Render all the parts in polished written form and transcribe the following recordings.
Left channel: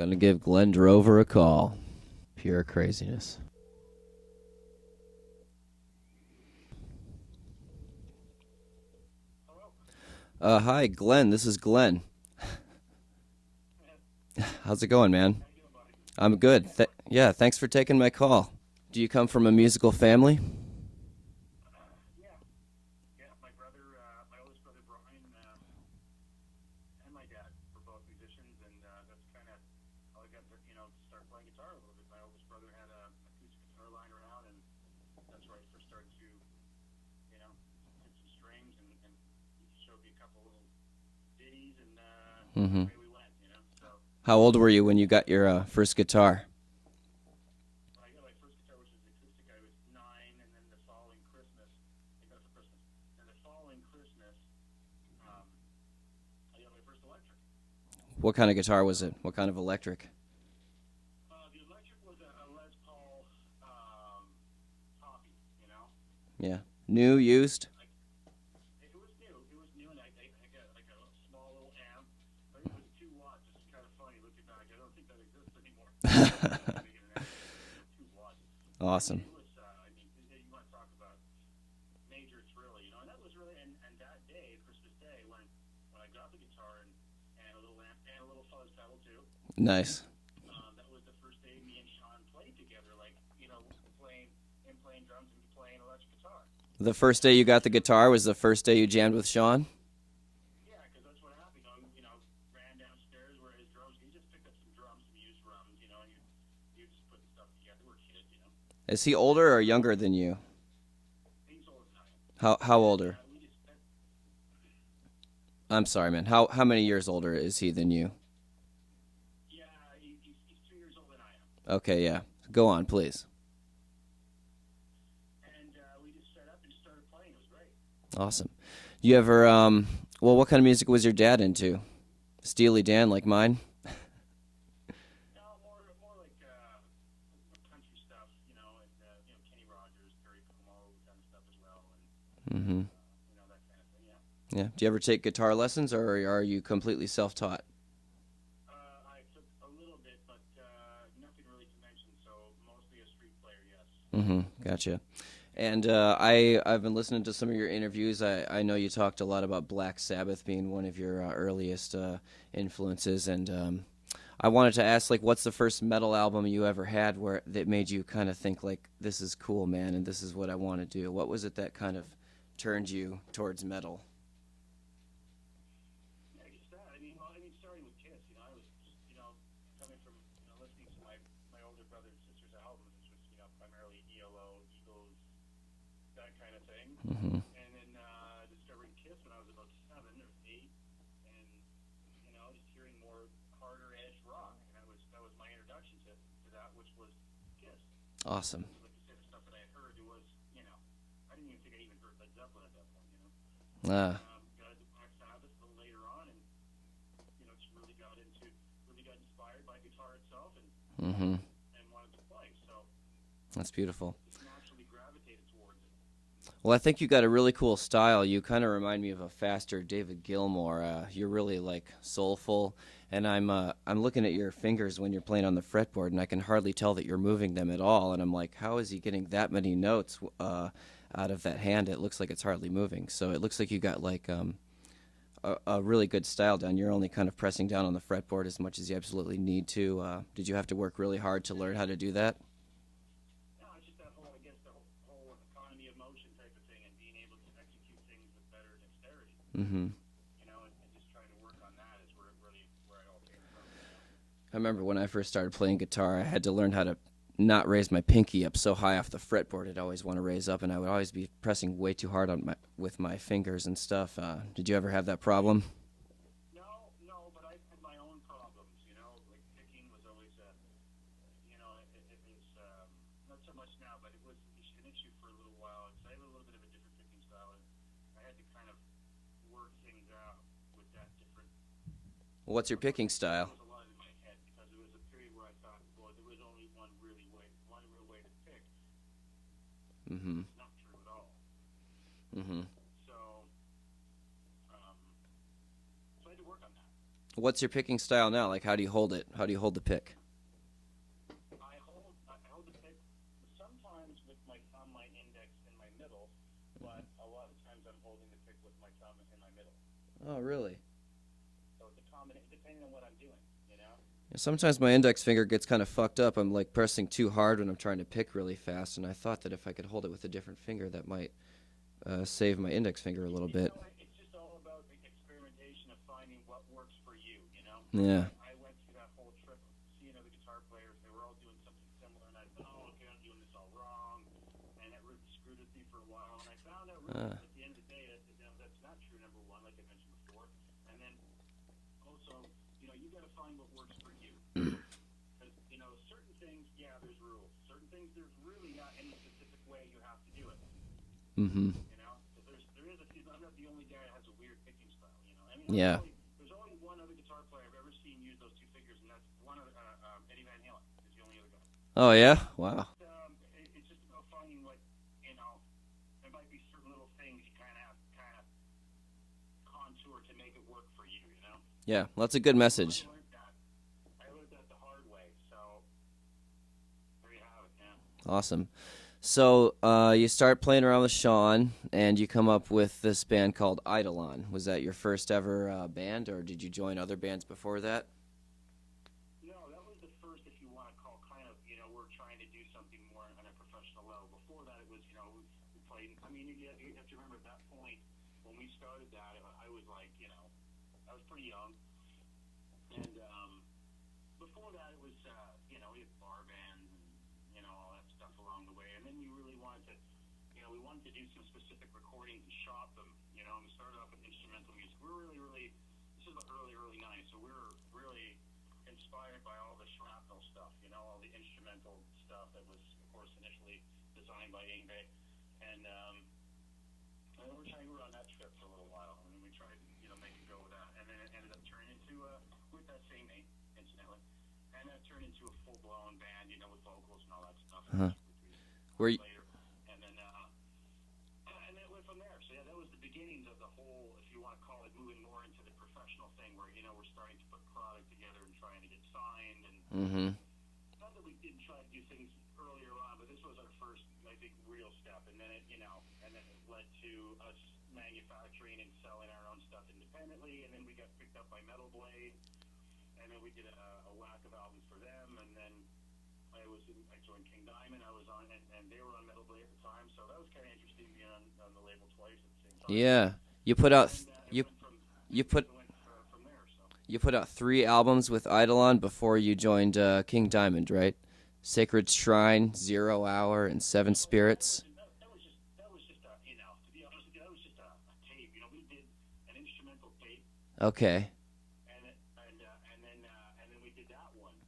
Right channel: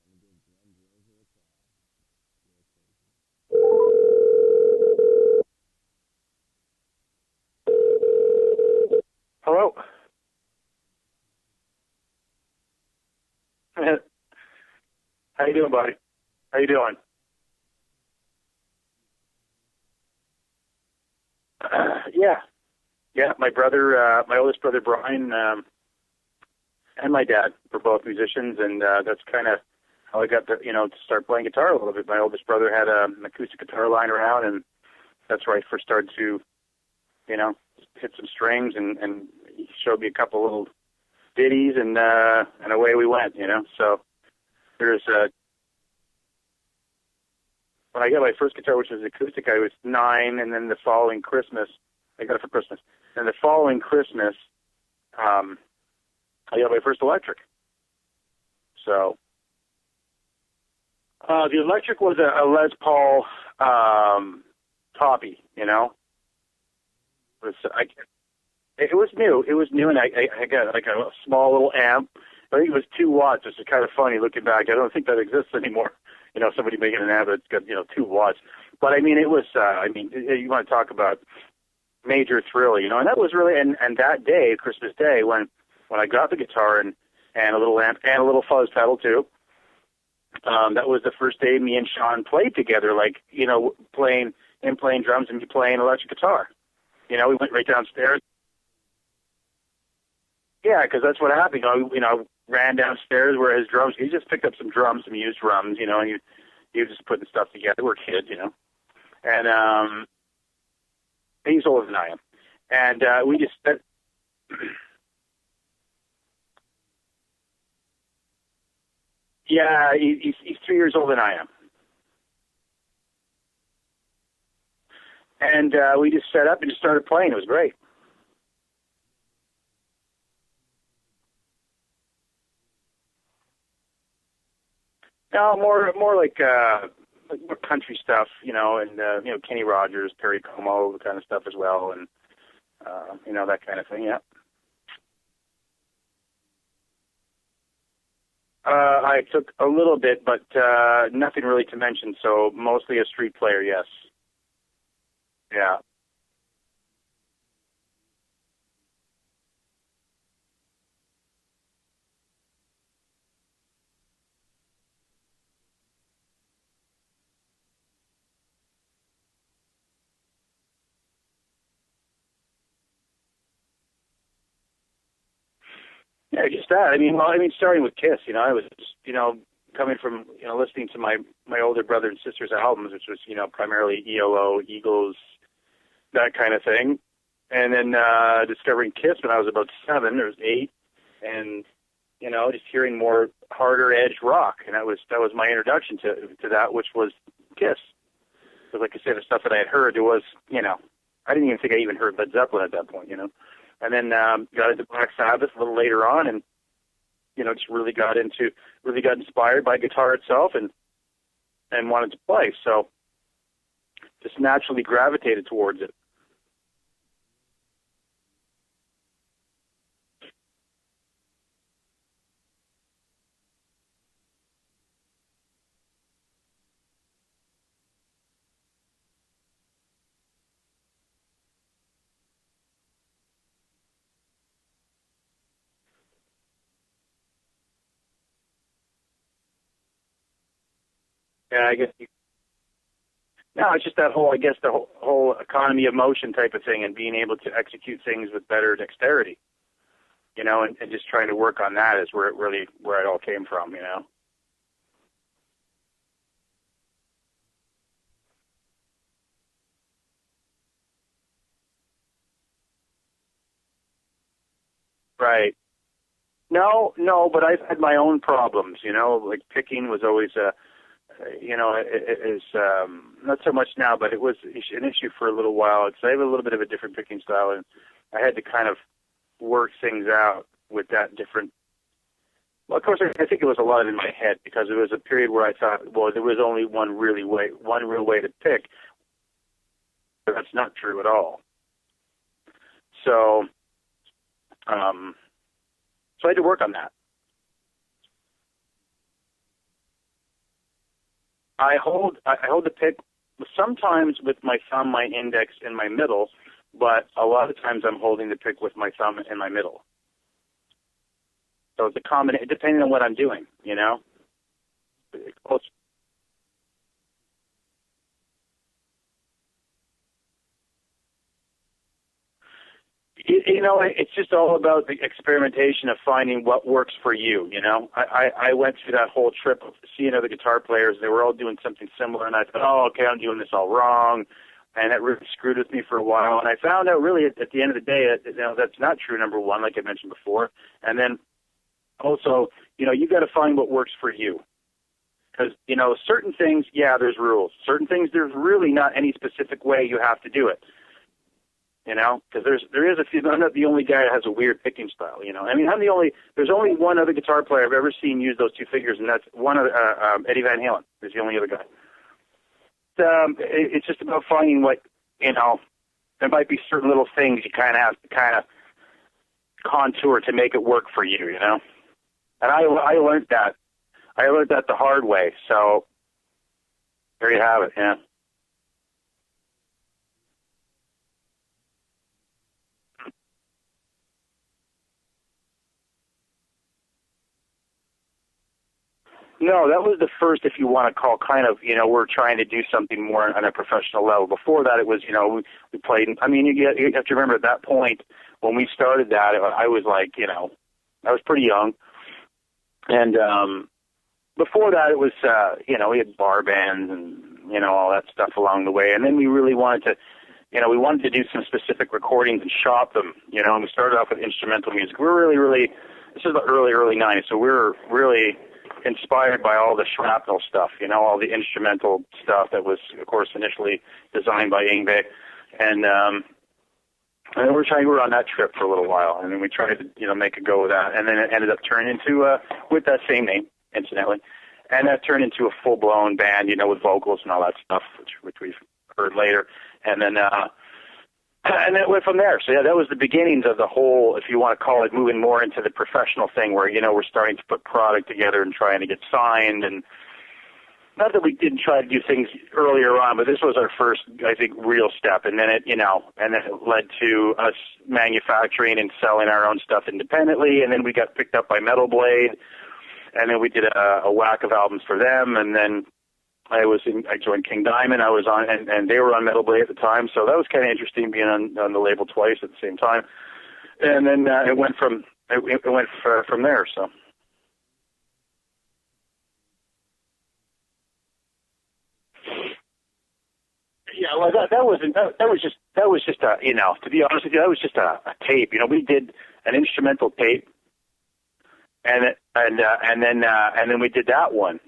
Gonna give Glen Drover a call. Pure craziness. Hello. Hi, Glenn. This is Glenn. How's it going, man? How you doing, buddy? I'm good. How you doing? Yeah, thanks for taking my call. Do you come from a musical family? Yeah. Yeah, my brother, my oldest brother, Brian, and my dad were both musicians, and that's kind of how I got to start playing guitar a little bit. My oldest brother had an acoustic guitar lying around, and that's where I first started to, hit some strings, and he showed me a couple little ditties, and away we went, So How old were you when you got your first guitar? when I got my first guitar, which was acoustic, I was 9, and then the following Christmas, I got it for Christmas. And the following Christmas, I got my first electric. What kind of guitar was it? What kind of electric? The electric was a Les Paul Toppy, Yeah. New, used? It was new. It was new, and I got like a small little amp. I think it was 2 watts, which is kind of funny looking back. I don't think that exists anymore. Somebody making an amp that's got 2 watts. But Awesome. I mean, it was. You want to talk about major thrill, and that was really and that day, Christmas Day, when I got the guitar and a little amp and a little fuzz pedal too. Nice. That was the first day me and Sean played together, playing drums and me playing electric guitar. The first day we you went got right the guitar downstairs. was the first day you jammed with Sean? Yeah, because that's what happened. I ran downstairs where his drums. He just picked up some drums, some used drums, and he was just putting stuff together. We're kids, Is he older And, or younger than you? He's older than I am. How And older? we just spent. I'm sorry, man. How many years older is he than you? Yeah, he's 3 years older than I am. Okay, yeah. Go on, please. And we just set up and just started playing. It was great. Awesome. You ever, what kind of music was your dad into? Steely Dan like mine? No, more like more country stuff, and Kenny Rogers, Perry Como, kind of stuff as well, and Mm-hmm. That kind of thing. Yeah. Yeah. Do you ever take guitar lessons, or are you completely self-taught? I took a little bit, but nothing really to mention. So mostly a street player, yes. Mm-hmm. Gotcha. Yeah. And I've been listening to some of your interviews. I know you talked a lot about Black Sabbath being one of your earliest influences, and I wanted to ask, what's the first metal album you ever had that made you kind of think, this is cool, man, and this is what I want to do? What was it that kind of turned you towards metal? Yeah, just that. Starting with Kiss, I was just, coming from, listening to my older brother and sister's albums, which was, primarily ELO, Eagles, that kind of thing. Mm-hmm. And then discovering Kiss when I was about 7 or 8, and just hearing more harder edge rock, and that was my introduction to that, which was Kiss. Awesome. Because like I said, the stuff that I had heard, it was I didn't even think I even heard Led Zeppelin at that point, And then got into Black Sabbath a little later on, and just really got inspired by guitar itself, and Mm-hmm. and wanted to play. So That's beautiful. just naturally gravitated towards it. Well, I think you got a really cool style. You kind of remind me of a faster David Gilmour. You're really soulful, and I'm looking at your fingers when you're playing on the fretboard, and I can hardly tell that you're moving them at all. And I'm like, how is he getting that many notes out of that hand? It looks like it's hardly moving. So it looks like you got a really good style down. You're only kind of pressing down on the fretboard as much as you absolutely need to. Did you have to work really hard to learn how to do that? No, it's just that whole, the whole economy of motion type of thing, and being able to execute things with better dexterity. Mm-hmm. And just trying to work on that is where it all came from. I remember when I first started playing guitar, I had to learn how to not raise my pinky up so high off the fretboard. I'd always want to raise up, and I would always be pressing way too hard with my fingers and stuff. Did you ever have that problem? No, but I've had my own problems. Like picking was always it is not so much now, but it was an issue for a little while. I have a little bit of a different picking style, and I had to kind of work things out with that different. What's your Of course, picking style? I think it was a lot in my head, because it was a period where I thought, well, there was only one real way to pick. Mm-hmm. But that's not true at all. Mm-hmm. So I had to work on that. What's your picking style now? Like, how do you hold it? How do you hold the pick? I hold the pick sometimes with my thumb, my index, and my middle, but a lot of times I'm holding the pick with my thumb and my middle. Oh, really? So it's a combination, depending on what I'm doing, Sometimes my index finger gets kind of fucked up. I'm like pressing too hard when I'm trying to pick really fast, and I thought that if I could hold it with a different finger, that might save my index finger a little bit. It's just all about the experimentation of finding what works for you, I went through that whole trip of seeing other guitar players. They were all doing something similar, and I thought, oh, okay, I'm doing this all wrong. And that really screwed with me for a while. And I found out really at the end of the day, that's not true, number one, like I mentioned before. And then also, you got to find what works for you. Because, certain things, there's rules. Certain things, there's really not any specific way you have to do it. Mm-hmm. Because there is a few. I'm not the only guy that has a weird picking style. There's only one other guitar player I've ever seen use those two fingers, and that's one of Eddie Van Halen. Is the only other guy. Oh yeah, wow. It's just about finding what there might be certain little things you kind of have to contour to make it work for you. Yeah, well, that's a good message. I learned that. I learned that the hard way. So there you have it. Yeah. Awesome. So you start playing around with Sean, and you come up with this band called Eidolon. Was that your first ever band, or did you join other bands before that? No, that was the first, if you want to call we're trying to do something more on a professional level. Before that, it was, we played. I mean, you have to remember at that point when we started that, I was like, I was pretty young. And before that, it was, we had bar bands and, all that stuff along the way. And then we really wanted to do some specific recordings and shop them, and we started off with instrumental music. We're really, this is the early 90s, so we were really inspired by all the shrapnel stuff, all the instrumental stuff that was, of course, initially designed by Yngwie. And then we were on that trip for a little while, and then we tried to, make a go of that. And then it ended up turning into, with that same name, incidentally, and that turned into a full-blown band, with vocals and all that stuff, which we've heard later. And then it went from there. So, that was the beginnings of the whole, if you want to call it, moving more into the professional thing where, we're starting to put product together and trying to get signed. And not that we didn't try to do things earlier on, but this was our first, I think, real step. And then it led to us manufacturing and selling our own stuff independently. And then we got picked up by Metal Blade. And then we did a whack of albums for them. And then I joined King Diamond. I was on, and they were on Metal Blade at the time. So that was kind of interesting being on the label twice at the same time. Yeah. It went from there. So you put out 3 albums with Eidolon before you joined King Diamond, right? Sacred Shrine, 0 Hour, and Seven Spirits. That was just a, to be honest with you, that was just a tape. We did an instrumental tape. Okay. And then we did that one,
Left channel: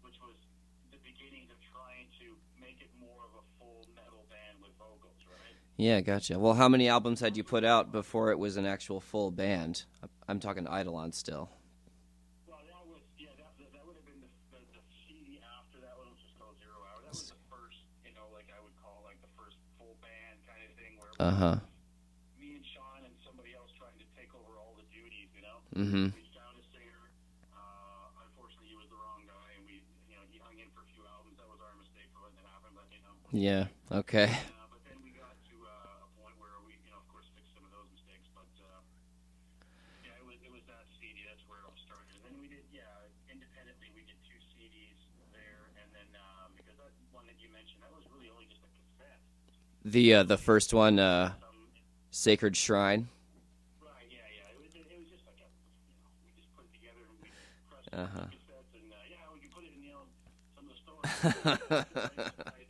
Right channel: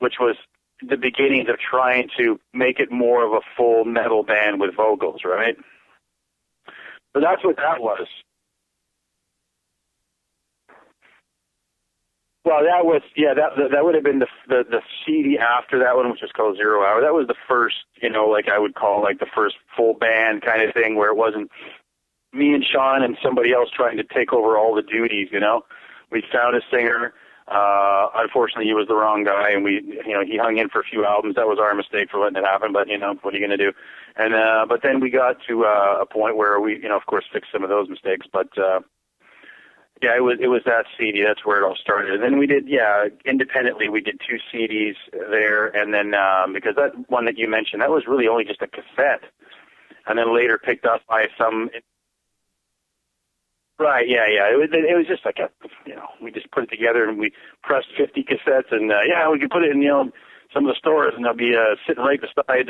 which was the beginnings of trying to make it more of a full metal band with vocals, right? Yeah, gotcha. Well, how many albums did you put out before it was an actual full band? I'm talking Eidolon still. Well, that was that would have been the CD after that one, which was called 0 Hour. That was the first, I would call the first full band kind of thing where it wasn't me and Sean and somebody else trying to take over all the duties. We found a singer. Unfortunately, he was the wrong guy, and he hung in for a few albums. That was our mistake for letting it happen. But what are you going to do? Okay. And but then we got to a point where we, of course, fixed some of those mistakes. But it was that CD. That's where it all started. And then we did, independently, we did 2 CDs there, and then because that one that you mentioned, that was really only just a cassette. And then the later first picked one, up by some Sacred Shrine. Right, yeah. It was just we just put it together and we pressed 50 cassettes and, we could put it in, some of the stores and they'll be sitting right beside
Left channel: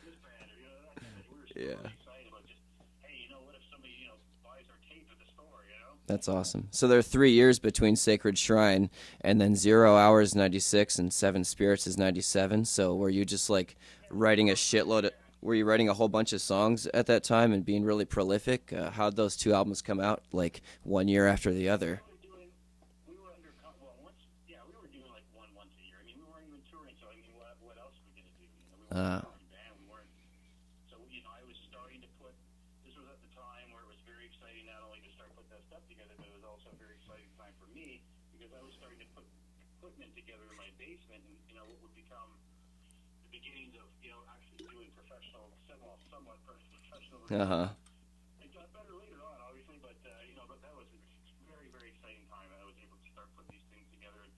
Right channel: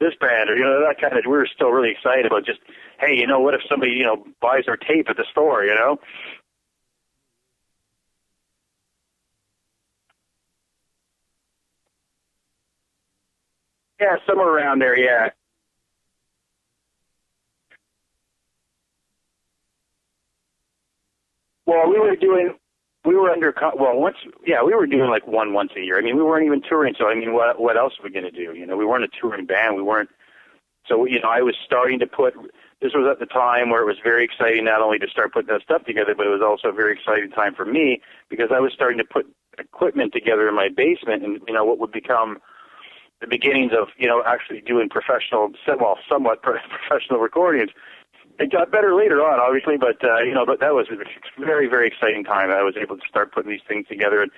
this band or, that kind of, we were still really excited about just, hey, what if somebody, buys our tape at the store, That's awesome. So there are 3 years between Sacred Shrine and then 0 Hour is 96 and Seven Spirits is 97. So were you just writing somewhere around there, yeah. Were you writing a whole bunch of songs at that time and being really prolific? How'd those 2 albums come out, 1 year after the other? Well, we were doing one once a year. I mean, we weren't even touring, so what else were we going to do? We weren't a touring band. We weren't. So, I was starting to put this was at the time where it was very exciting not only to start putting that stuff together, but it was also a very exciting time for me because I was starting to put equipment together in my basement, and what would become the beginnings of actually doing somewhat professional recordings. It got better later on, obviously, but but that was a very, very exciting time. I was able to start putting these things together, and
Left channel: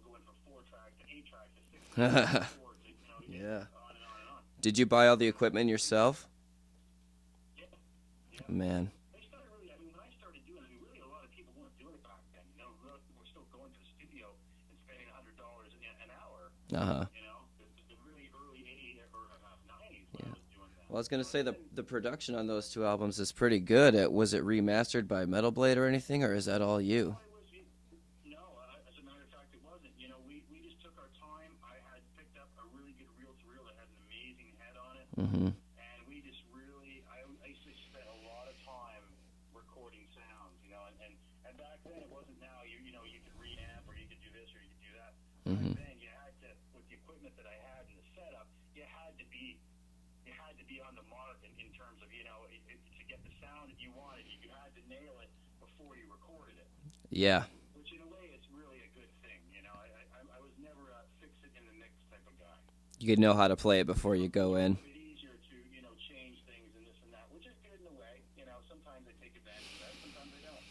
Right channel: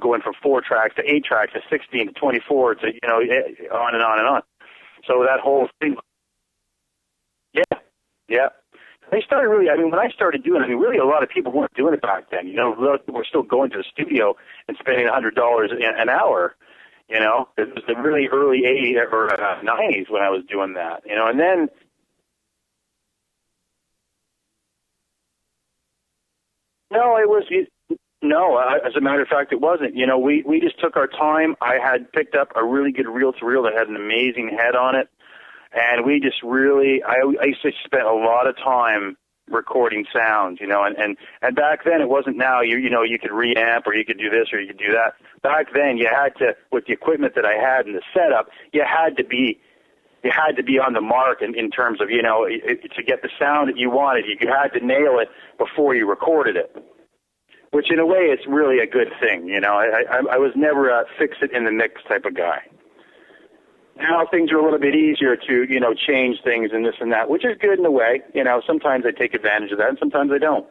going from 4 tracks to 8 tracks to 16, 24 to on and on and on. Did you buy all the equipment yourself? Yeah. Man. They started really, when I started doing it, really a lot of people weren't doing it back then. A lot of people were still going to the studio and spending $100 an hour. It was the really early 80s or 90s when I was doing that. And then the production on those 2 albums is pretty good. Was it remastered by Metal Blade or anything, or is that all you? No, it was. No, as a matter of fact, it wasn't. We just took our time. I had picked up a really good reel-to-reel that had an amazing head on it, and we just really, I used to spend a lot of time recording sounds, and back then it wasn't now, you could reamp or you could do this or you could do that. Back then you had to, with the equipment that I had and the setup, you had to be on the mark in terms of, to get the sound that you wanted. You had to nail it before you recorded it. Yeah. Which in a way it's really a good thing, I was never a fix-it-in-the-mix type of guy. You could know how to play it before. Now things are a little bit easier to, change things and this and that, which is good in a way. Sometimes I take advantage of that and sometimes I don't.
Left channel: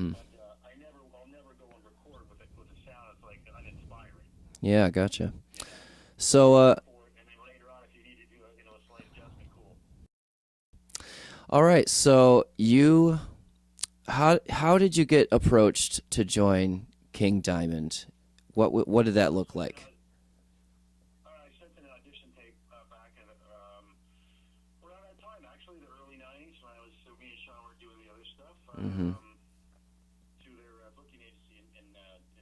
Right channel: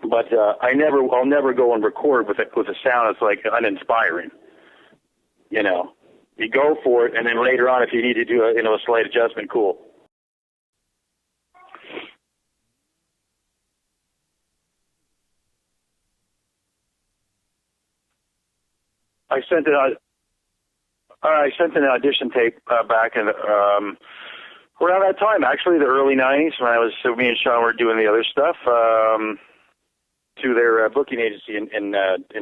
But I'll never go and record with a sound that's like uninspiring. Yeah, gotcha. So you go for it, and then later on, if you need to do a slight adjustment, cool. All right, so how did you get approached to join King Diamond? What did that look like? I sent an audition tape back in around that time, actually, the early '90s, when me and Sean were doing the other stuff to their booking agency in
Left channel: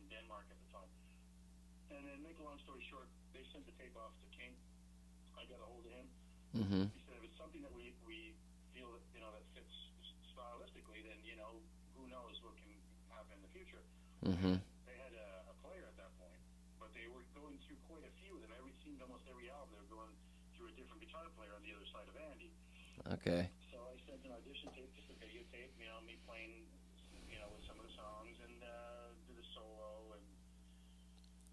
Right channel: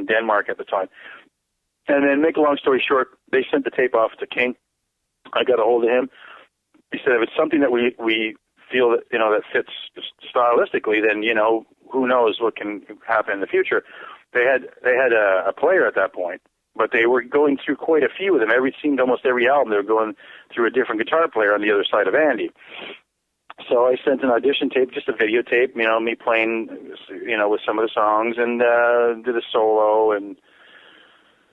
Denmark at the time. And then, make a long story short, they sent the tape off to King. I got a hold of him. He said, if it's something that we feel that that fits stylistically, then who knows what can happen in the future. They had a player at that point, but they were going through quite a few of them. Seemed almost every album they were going through a different guitar player on the other side of Andy. Okay. So I sent an audition tape, just a videotape, me playing, with some of the songs, and did a solo and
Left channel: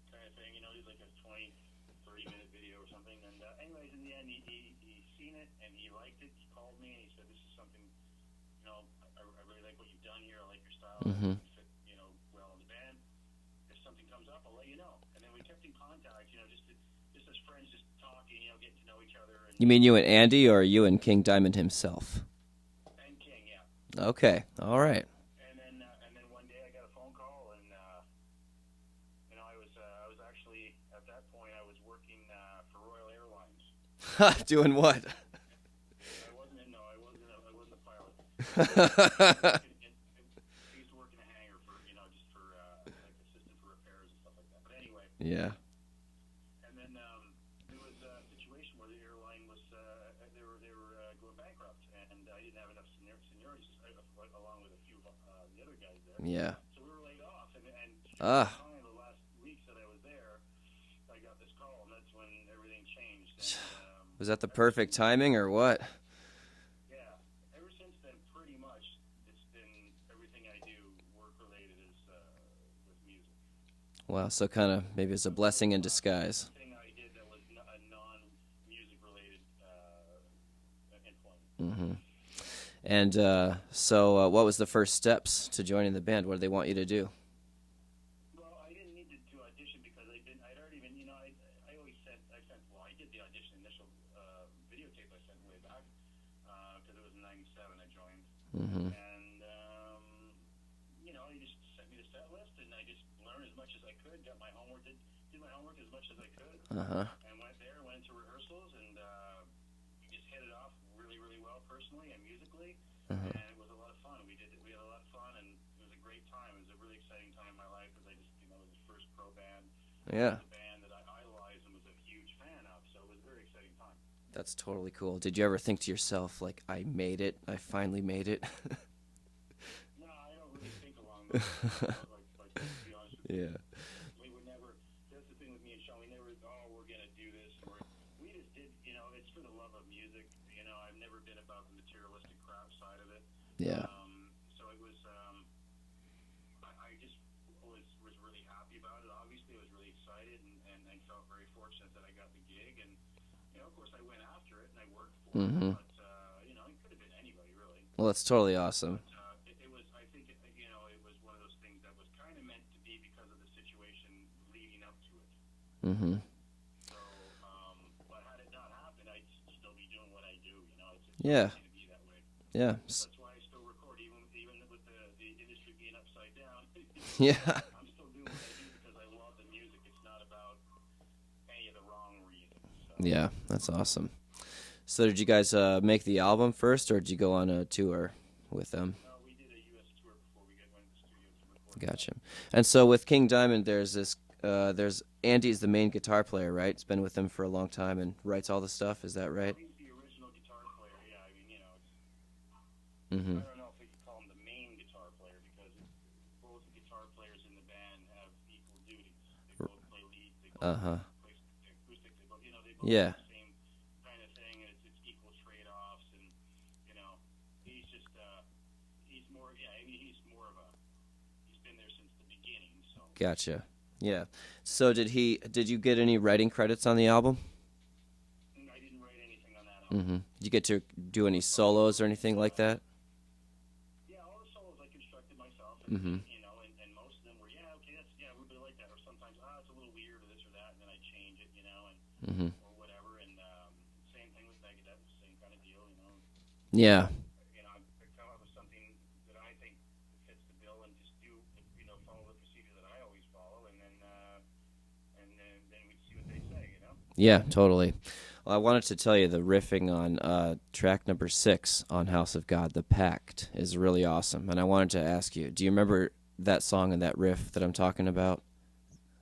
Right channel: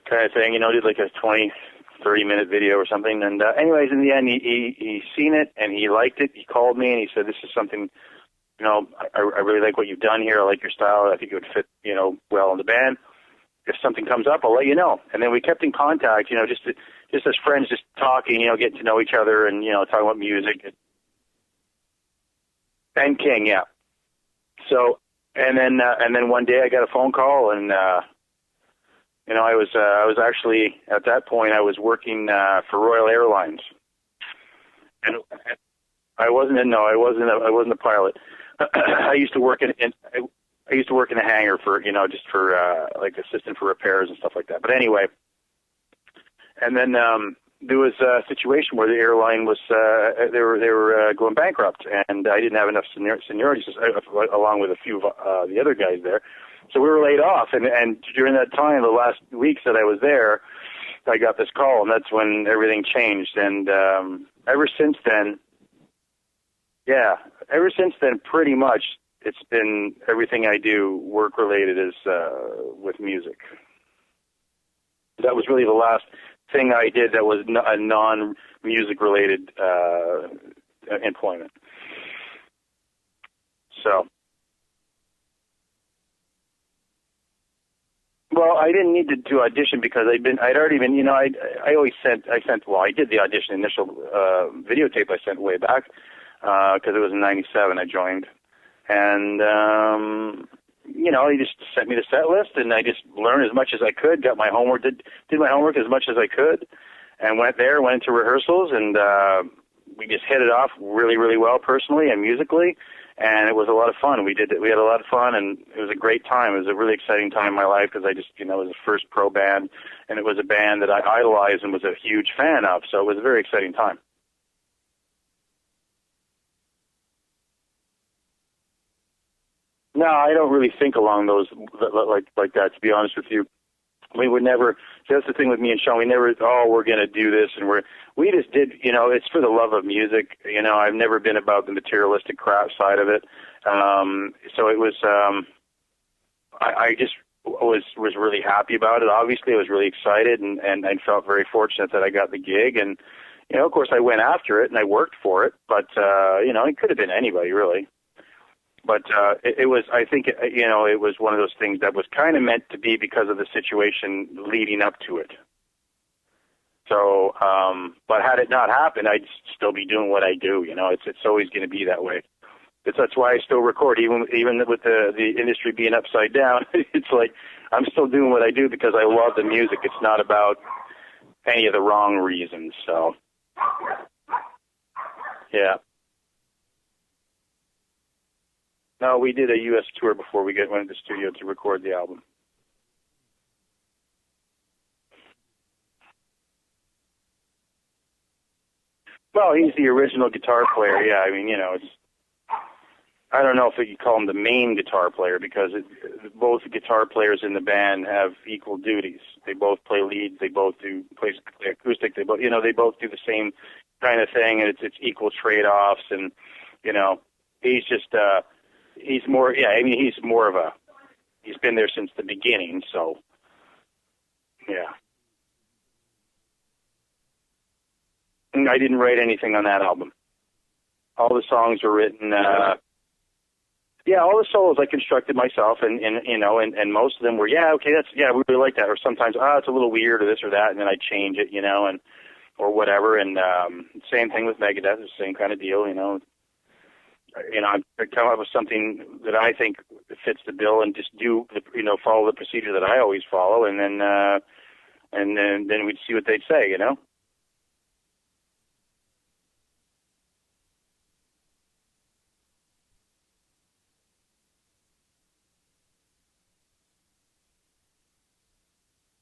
kind of thing. Did like a 20-30-minute video or something. And anyways, in the end, he seen it and he liked it. He called me and he said, "This is something, I really like what you've done here. I like your style. I think it would fit, well in the band. If something comes up, I'll let you know." And then we kept in contact, just as friends, just talking, getting to know each other. And you and Andy, or you and King Diamond himself? And King, yeah. Okay. All right. And then one day I got a phone call, and I was actually at that point I was working for Royal Airlines. Doing what? And I wasn't a pilot. I used to work in a hangar for just for like assistant for repairs and stuff like that. But anyway. Yeah. And then there was a situation where the airline was they were going bankrupt, and I didn't have enough seniority along with a few of the other guys there. Yeah. So we were laid off, and during that time, the last weeks that I was there, I got this call, and that's when everything changed. And was that the perfect timing, or what? Yeah, ever since then, pretty much it's been everything I do work related is with music. Wow, so kind of maybe it's that a was blessing really the in last disguise. Thing I did that was a non-music related employment. Mm-hmm. And so what was the first steps to joining the band? What did they want you to do? Well, I didn't need to audition because I'd already been, I did the audition initial videotape I sent way back because it was in '97 I joined. Mm-hmm. And he just sent me the set list, and I just learned as much as I could, got my homework, did my homework as much as I could, and went into rehearsals, and we just hit it off really, really well personally and musically, and it was a lot of fun. We had a lot of fun, and it was a great time. It was a really exciting time in my life because I just, it was the first pro band, and it was a band that I idolized and was a huge fan of, so it was a very exciting time. That's totally cool. Did you ever think to yourself, like, I made it, I finally made it? No, I don't really think along those like that, to be honest with you. We would never. See, that's the thing with me and Sean. We never. Oh, we're going to do this, and we just did. You know, it's for the love of music. You know, I've never been about the materialistic crap side of it. Yeah. So it was. I just was really happy about it. Obviously, I was really excited and felt very fortunate that I got the gig. And you know, of course, I went after it and I worked for it. But you know, it could have been anybody really. Well, that's totally awesome. But it was. I think you know, it was one of those things that was kind of meant to be because of the situation leading up to it. Mm-hmm. So, but had it not happened, I'd still be doing what I do. You know, it's always going to be that way. Yeah. That's why I still record, even with the industry being upside down. It's like I'm still doing what I do because I love the music. It's not about any of the wrong reasons. So yeah, that's awesome. So did you guys make the album first, or did you go on a tour with them? No, we did a U.S. tour before we went to the studio to record the album. And so with King Diamond, there's this. There's Andy's the main guitar player, right? It's been with them for a long time and writes all the stuff. Is that right? Well, he's the original guitar player. Yeah, I mean, you know, it's. I don't know if you call him the main guitar player because both guitar players in the band have equal duties. They both play leads. They both play acoustic. They both, you know, they both do the same kind of thing, and it's equal trade-offs. And you know, he's just he's more. Yeah, I mean, he's more of a. He's been there since the beginning. So. Gotcha. Yeah. So did you get any writing credits on the album? I didn't write anything on that album. Did you get to do all any the songs solos were or written. anything like that? Yeah, all the solos I constructed myself, and you know, and most of them were we really like that. Or sometimes it's a little weird or this or that, and then I change it, you know, and or whatever. And same thing with Megadeth, the same kind of deal, you know. Yeah. You know, I come up with something that I think fits the bill, and just follow the procedure that I always follow, and then we'd see what they'd say, you know. Yeah, totally. Well, I wanted to tell you the riffing on track number 6 on House of God, The Pact, is really awesome. And I wanted to ask you, do you remember that song and that riff that I'm talking about?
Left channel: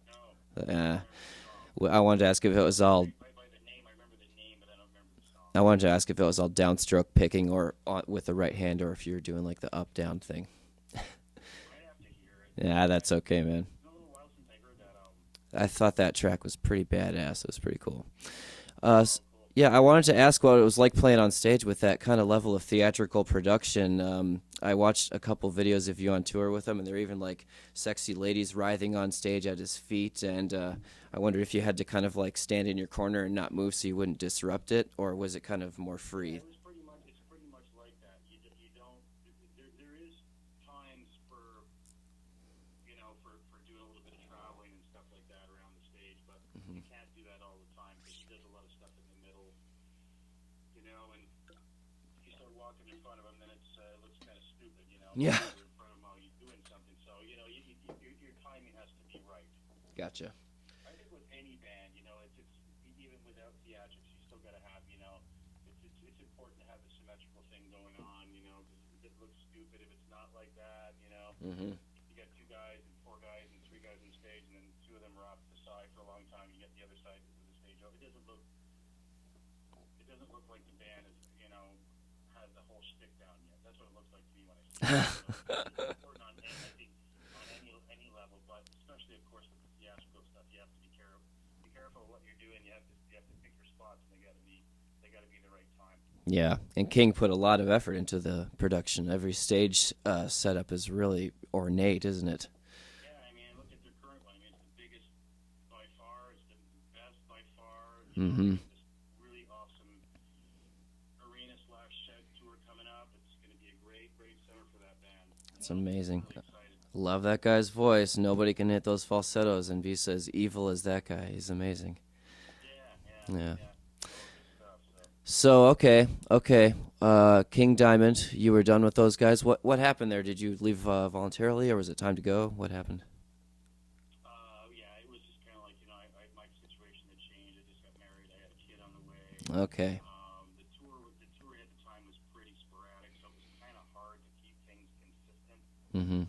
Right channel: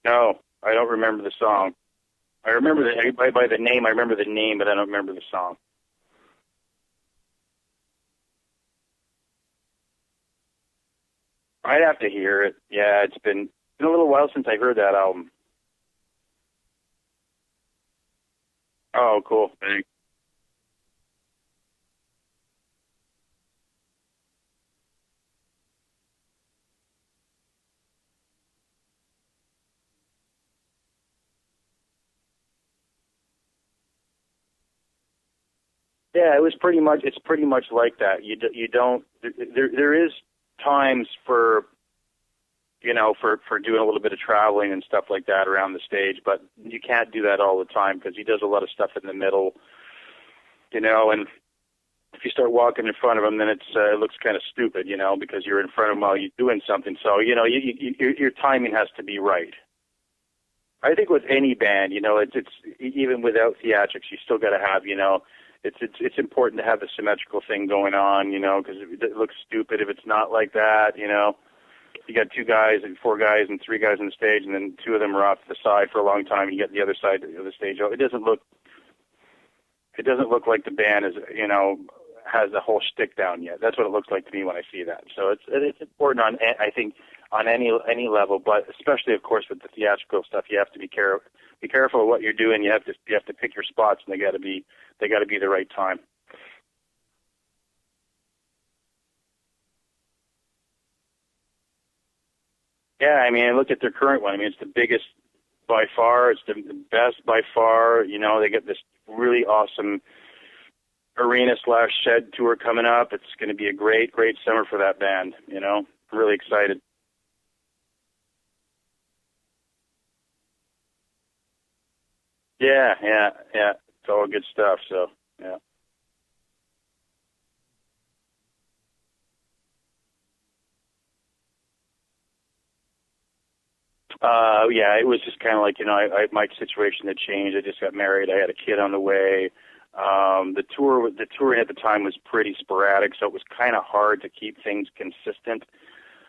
No, I don't remember the song. I wanted to ask if I it was all... by the name. I remember the name, but I don't remember the song. I wanted to ask if it was all downstroke picking or with the right hand, or if you were doing like the up-down thing. I'd have to hear it. Yeah, that's okay, man. It's been a little while since I heard that album. I thought that track was pretty badass. It was pretty cool. Cool. Yeah, I wanted to ask what it was like playing on stage with that kind of level of theatrical production. I watched a couple videos of you on tour with him, and there were even like sexy ladies writhing on stage at his feet. And I wondered if you had to kind of like stand in your corner and not move so you wouldn't disrupt it, or was it kind of more free? Yeah, it's pretty much like that. You don't. There is times for. You know, for doing a little bit of traveling and stuff like that around the stage, but you can't do that all the time because he does a lot of stuff in the middle, you know, and if you start walking in front of him, then it looks kind of stupid, you know, because you're in front of him while you're doing something. So, you know, your timing has to be right. Gotcha. I think with any band, you know, it's even without theatrics, you still got to have, you know, it's important to have the symmetrical thing going on, you know, because it looks stupid if it's not like that, you know. You got 2 guys and 4 guys and 3 guys on the stage, and then 2 of them are off to the side for a long time. You get the other side of the stage. It doesn't look like the band is, you know, has the whole shtick down yet. That's what it looks like to me when I see that. So it's important I think on any level, but especially of course with the theatrical stuff, you have to be careful of what you're doing. You have to pick your spots, and they got to be the right time. Yeah, and King put a lot of effort into the production. Every stage setup is really ornate, isn't it? Yeah, I mean, look at their current one. I mean, it's the biggest by far. It's the best by far. You know, they get this really awesome arena/shed tour coming up. It's going to be a great summer for that band. You know, amazing. Really excited. Love that guy's voice. Nobody can hit those falsettos and be as evil as that guy. He's amazing. Yeah. It's all good stuff. So okay. King Diamond, you were done with those guys. What happened there? Did you leave voluntarily, or was it time to go? What happened? Yeah, it was just kind of like, you know, my situation had changed. I just got married. I had a kid on the way. Okay. The touring at the time was pretty sporadic, so it was kind of hard to keep things consistent. When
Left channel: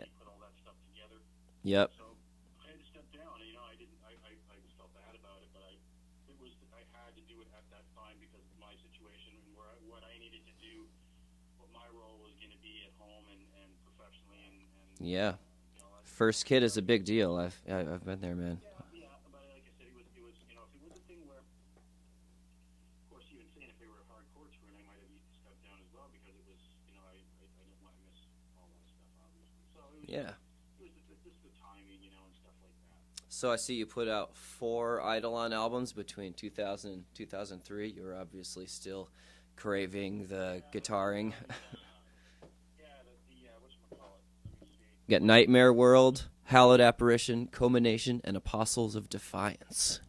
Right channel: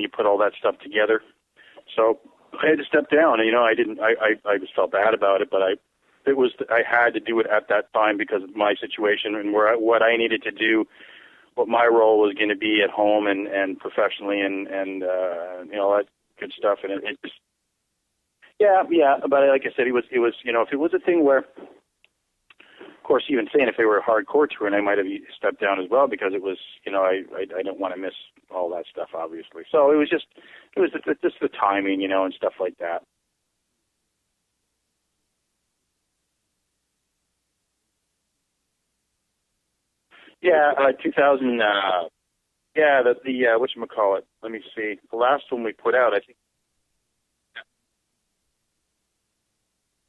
you put all that stuff together. Yep. So I had to step down. You know, I just felt bad about it, but I had to do it at that time because of my situation and what I needed to do what my role was going to be at home and professionally, and you know, that First good kid stuff. is a big deal. I've been there, man. Yeah, but like I said, it was you know, if it was a thing where, of course, even saying if they were a hardcore tour, and I might have stepped down as well, because it was, you know, I don't want to miss all that stuff, obviously. So it was just just the timing, you know, and stuff like that. So I see you put out 4 Eidolon albums between 2000 and 2003. You were obviously still craving the guitar 2000. The whatchamacallit. Let me see. Got Nightmare World, Hallowed Apparition, Culmination, and Apostles of Defiance.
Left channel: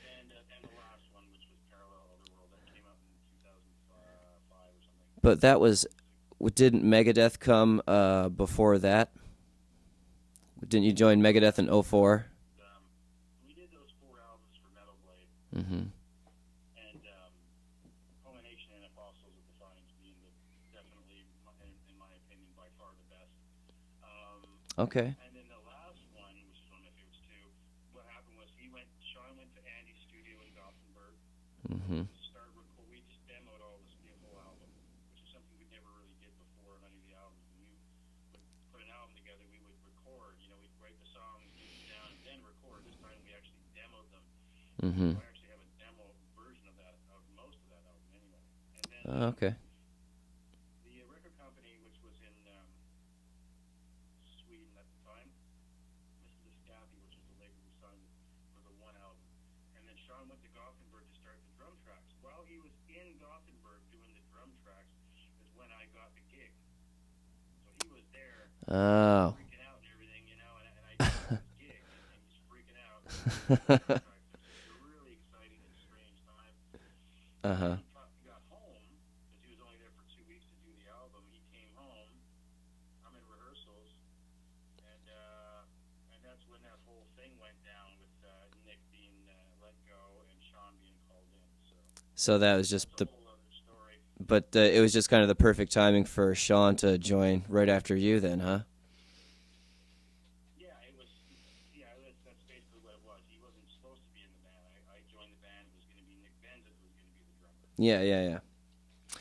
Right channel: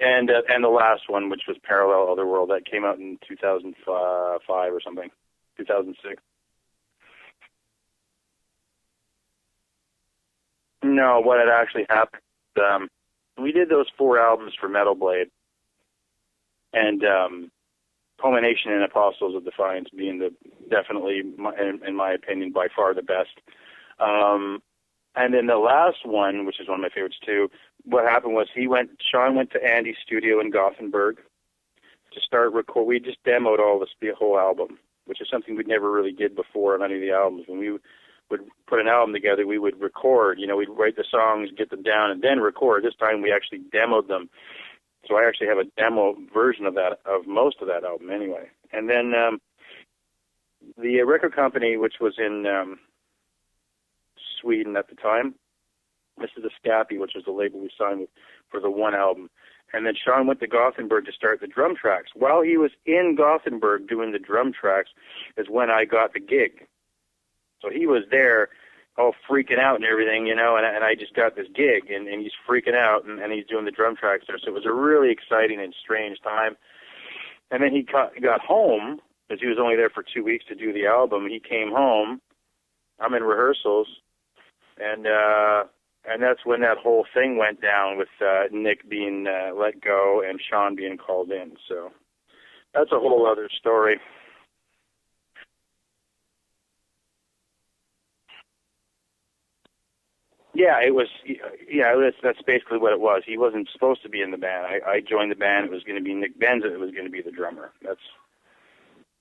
And the last one, which was Parallel Otherworld, that came out in 2005 or something. But that 2006. Didn't Megadeth come before that? Didn't you join Megadeth in 04? We did those 4 albums for Metal Blade, and Culmination and Apostles of Defiance being definitely, in my opinion, by far the best. Okay. And then the last one, which is one of my favorites too, what happened was Sean went to Andy's studio in Gothenburg to start record. We just demoed the whole album, which is something we never really did before on any of the albums. When we would put an album together, we would record. You know, we'd write the songs, get them down, and then record. This time we actually demoed them. So I actually have a demo version of most of that album anyway. And then the record company, which was in Sweden at the time, this is the Scapi, which is the label we signed with for the one album. And then Sean went to Gothenburg to start the drum tracks. While he was in Gothenburg doing the drum tracks is when I got the gig. So he was there, all freaking out and everything, you know, and I just got this gig, and he's freaking out, and he's doing the drum tracks there. So it was a really exciting and strange time. And then he got home, because he was only there for 2 weeks to do the album. He came home. I'm in rehearsals, and that's when that whole thing went down with Nick being let go and Sean being called in. So that was just that's a whole other story. But it was just kind of the perfect timing for Sean to join right after you, then, huh? Yeah, it was. Yeah, that's basically what it was. He wasn't supposed to be in the band. I joined the band. It was going to be Nick Benza. It was going to be the drummer. Yeah.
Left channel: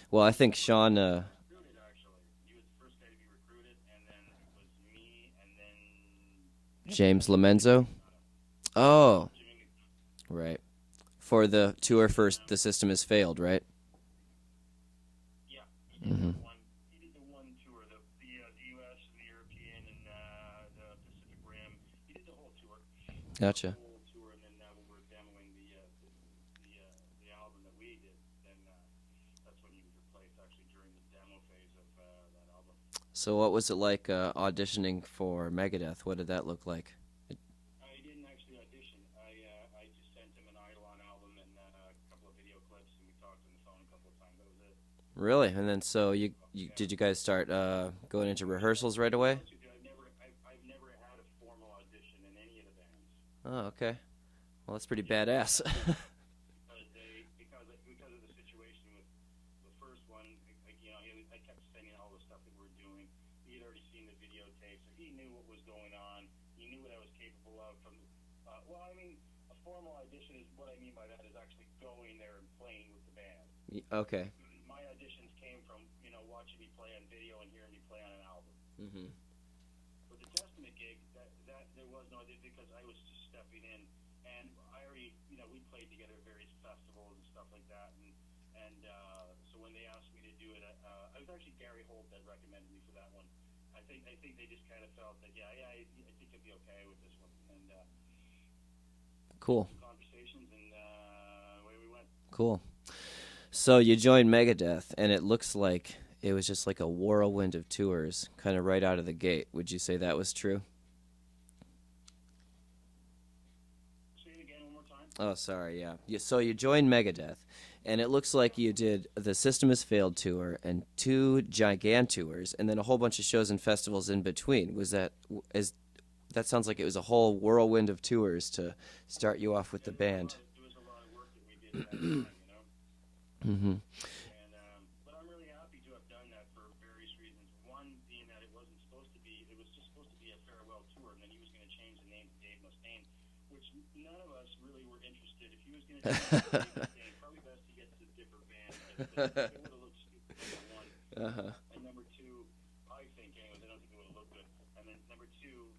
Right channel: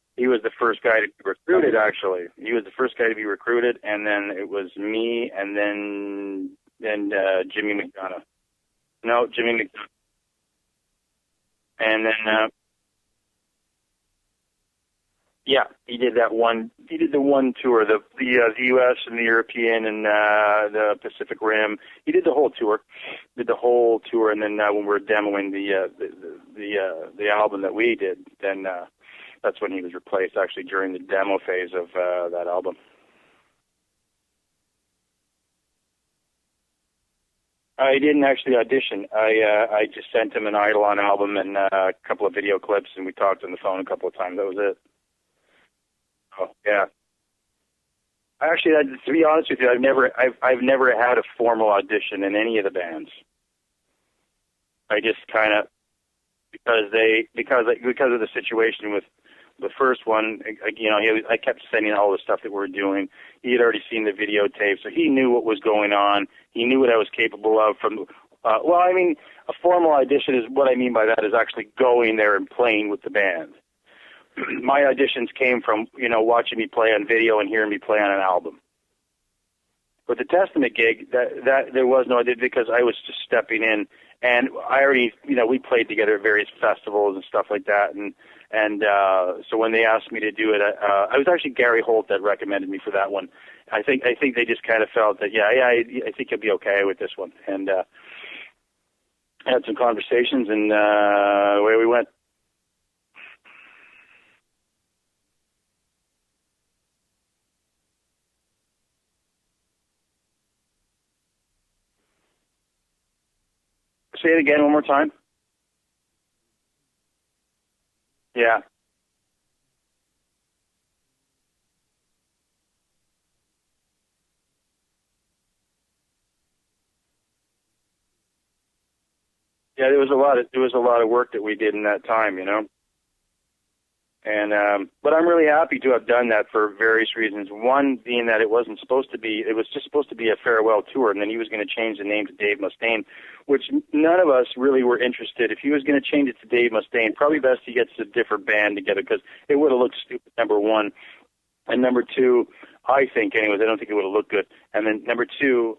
Well, he I was think the first Sean, guy to be recruited. Actually, he was the first guy to be recruited, and then it was me, and then James Lomenzo? Jimmy McDonough. Oh, no, Jimmy McDonough. Right. For the tour for The System Has Failed, right? Yeah, he did that one. He did the one tour, the U.S. and the European and the Pacific Rim. He did the whole tour. Did the whole tour, and then when we were demoing the album that we did, then that's when he was replaced. Actually, during the demo phase of that album. So, what was it like auditioning for Megadeth? What did that look like? I didn't actually audition. I just sent him an Eidolon album and a couple of video clips, and we talked on the phone a couple of times. That was it. Really? And then so did you guys start going into actually, rehearsals right away? To be honest with you, I've never had a formal audition in any of the bands. Oh, okay. Well, that's pretty badass. Kind of because of the situation with the first one. You know, I kept sending all the stuff that we were doing. He had already seen the videotape, so he knew what was going on. He knew what I was capable of. Well, I mean, a formal audition is what I mean by that is actually going there and playing with the band. Okay. My auditions came from, you know, watching me play on video and hearing me play on an album. With the Testament gig, that there was no audition because I was just stepping in, and I already, you know, we played together at various festivals and stuff like that, and so when they asked me to do it, I was actually Gary Holt that recommended me for that one. I think they just kind of felt that I think you'll be okay with this one, and had some conversations, and away we went. Cool. So you joined Megadeth, and it looks like it was just like a whirlwind of tours, kind of right out of the gate. Would you say that was true? Say it again one more time. Oh, sorry, yeah. So you joined Megadeth, and it looks like you did the System Has Failed tour and 2 Gigantours, and then a whole bunch of shows and festivals in between. That sounds like it was a whole whirlwind of tours to start you off with. Yeah, there was a lot of work that we did in that time, you know. Mm-hmm. And but I'm really happy to have done that for various reasons. One being that it was just supposed to be a farewell tour, and then he was going to change the name to Dave Mustaine, which none of us really were interested. If he was going to change it to Dave Mustaine, probably best he gets a different band together, because it would have looked stupid, number one. And number two, I think anyways, I don't think it would have looked good. And then number two,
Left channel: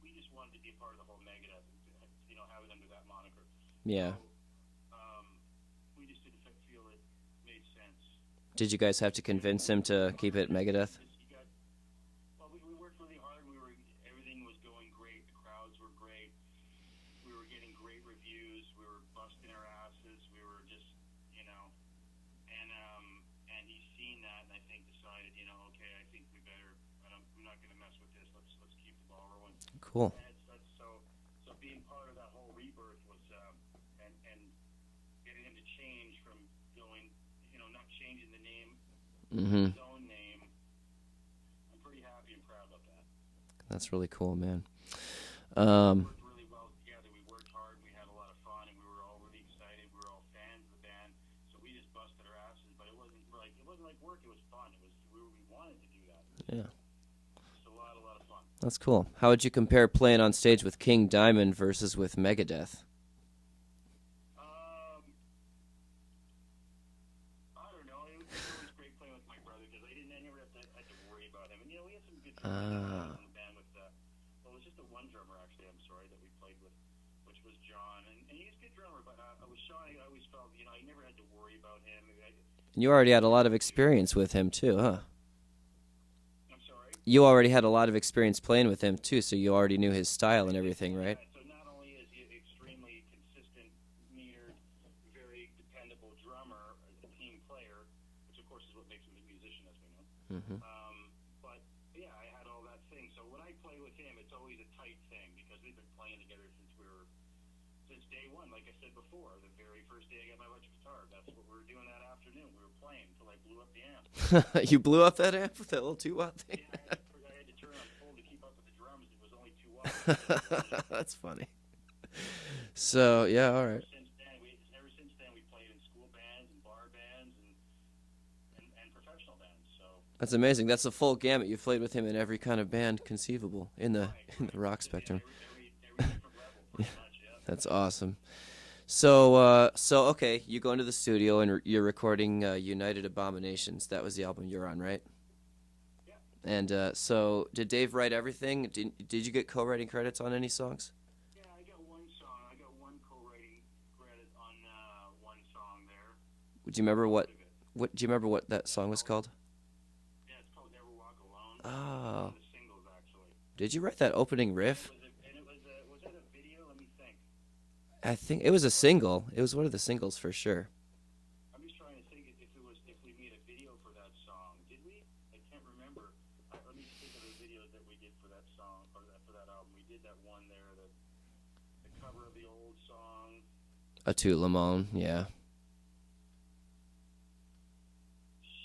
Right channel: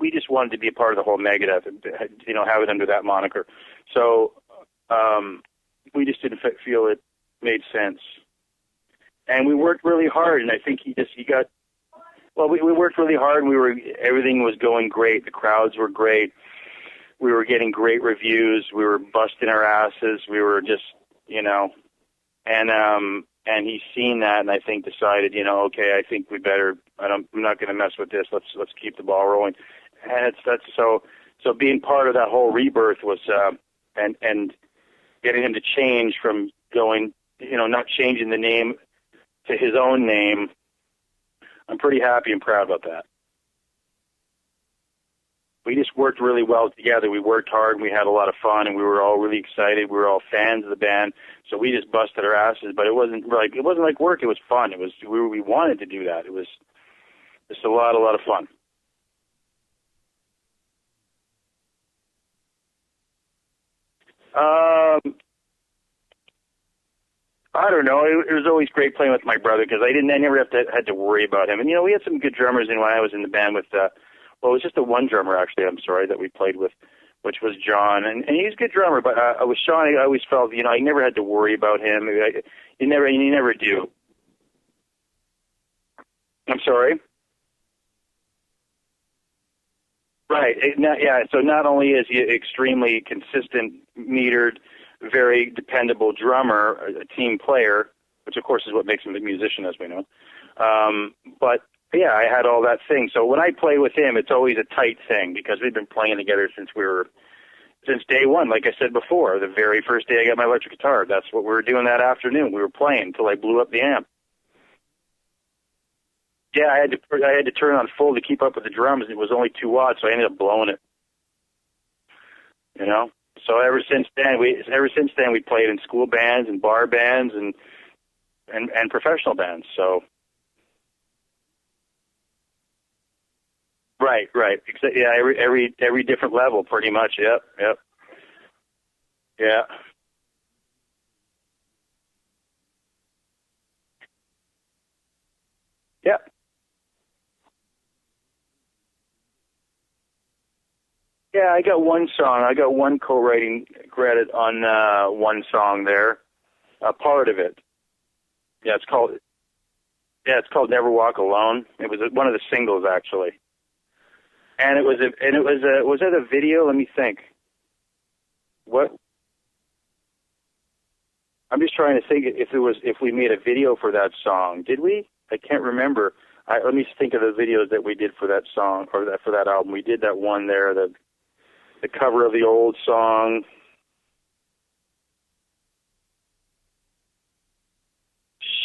we just wanted to be a part of the whole Megadeth, have it under that moniker. Yeah. So we just didn't feel it made sense. Did you guys have to And convince we him worked really to hard, cover and I think Megadeth? we worked really hard, and everything was going great. The crowds were great. We were getting great reviews. We were busting our asses. We were just, and he's seen that, and I think decided, okay, I think we better. I'm not going to mess with this. Let's keep the ball rolling. Cool. And so being part of that whole rebirth was, and getting him to change from going, not changing the name to his own name. I'm pretty happy and proud about that. That's really cool, man. We just worked really well together. We worked hard, and we had a lot of fun, and we were all really excited. We were all fans of the band, so we just busted our asses. But it wasn't like work. It was fun. It was we wanted to do that. It was just a lot of fun. That's cool. How would you compare playing on stage with King Diamond versus with Megadeth? I don't know. It was always great playing with my brother, because I never had to worry about him. And we had some good drummers in when I was in the band with. It was just the one drummer, actually, that we played with, which was John. And he's a good drummer, but with Sean, I always felt, I never had to worry about him. You already had a lot of experience with him, too, huh? I'm sorry? You already had a lot of experience playing with him, too, so you already knew his style. Right. So not only is he extremely consistent, metered, very dependable drummer, a team player, which, of course, is what makes him a musician, as we know, but... yeah, I had all that thing. So when I play with him, it's always a tight thing, because we've been playing together since day one. Like I said before, the very first day I got my electric guitar, that's what we were doing that afternoon. We were playing until I blew up the amp. You blew up that amp with that little 2-watt thing? Yeah, I had to turn it on full to keep up with the drums, and it was only 2 watts, so I ended up blowing it. That's funny. So ever since then we played in school bands and bar bands and professional bands. So that's amazing. That's a full gamut. You've played with him in every kind of band conceivable. Right. Yeah, every different level, pretty much. Yep. That's awesome. So okay, you go into the studio and you're recording United Abominations. That was the album you're on, right? Yeah. And so did Dave write everything? Did you get co-writing credits on any songs? Yeah, I got one song. I got one co-writing credit on one song there. Do you remember part of it. Do you remember what that song was called? Yeah, it's called "Never Walk Alone." Oh. It was one of the singles, actually. Did you write that opening riff? And it was was it a video? Let me think. I think it was a single. It was one of the singles for sure. I'm just trying to think if we made a video for that song. Did we? I can't remember. Let me think of the videos that we did for that song or for that album. We did that one there, the cover of the old song. A Tout Le Monde, yeah.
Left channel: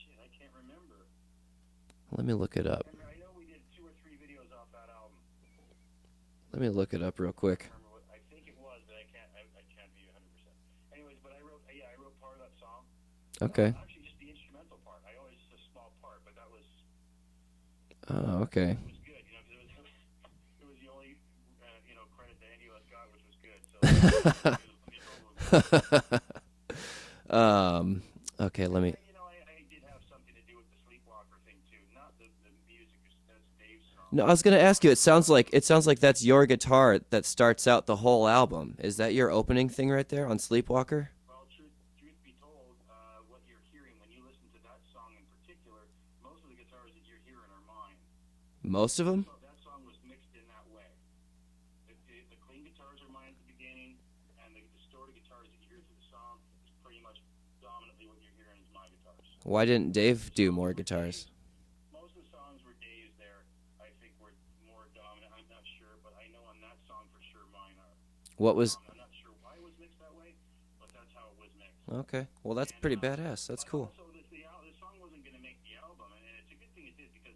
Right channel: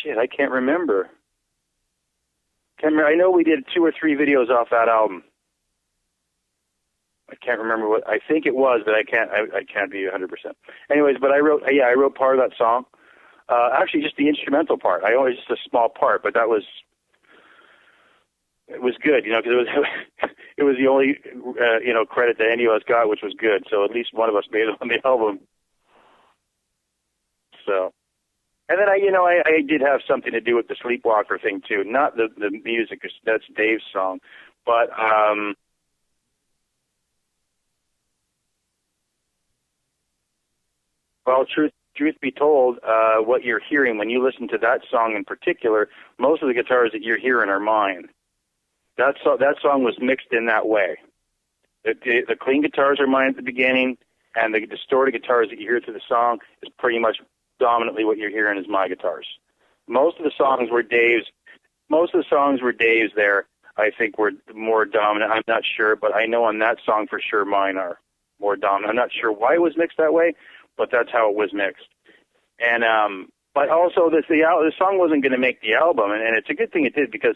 Shit, I can't remember. Let me look it up. I know we did 2 or 3 videos off that album. Let me look it up real quick. I can't remember what. I think it was, but I can't be 100%. Anyways, but I wrote part of that song. Okay. Actually, just the instrumental part. I only just a small part, but that was. Oh, okay. It was good, because it was it was the only credit that any of us got, which was good. So at least one of us made it on the album. Okay. And then I did have something to do with the Sleepwalker thing too. Not the music. That's Dave's song. No, I was going to ask you. It sounds like that's your guitar that starts out the whole album. Is that your opening thing right there on Sleepwalker? Well, truth be told, what you're hearing when you listen to that song in particular, most of the guitars that you're hearing are mine. Most of them? That song was mixed in that way. The clean guitars are mine at the beginning, and the distorted guitars that you hear through the song is pretty much dominantly what you're hearing is my guitars. Why didn't most of the songs were Dave's? Most of the songs were Dave's. There, I think, were more dominant. I'm not sure, but I know on that song for sure mine are more dominant. I'm not sure why it was mixed that way, but that's how it was mixed. Okay, well that's pretty badass. But cool. Also, the song wasn't going to make the album, and it's a good thing it did, because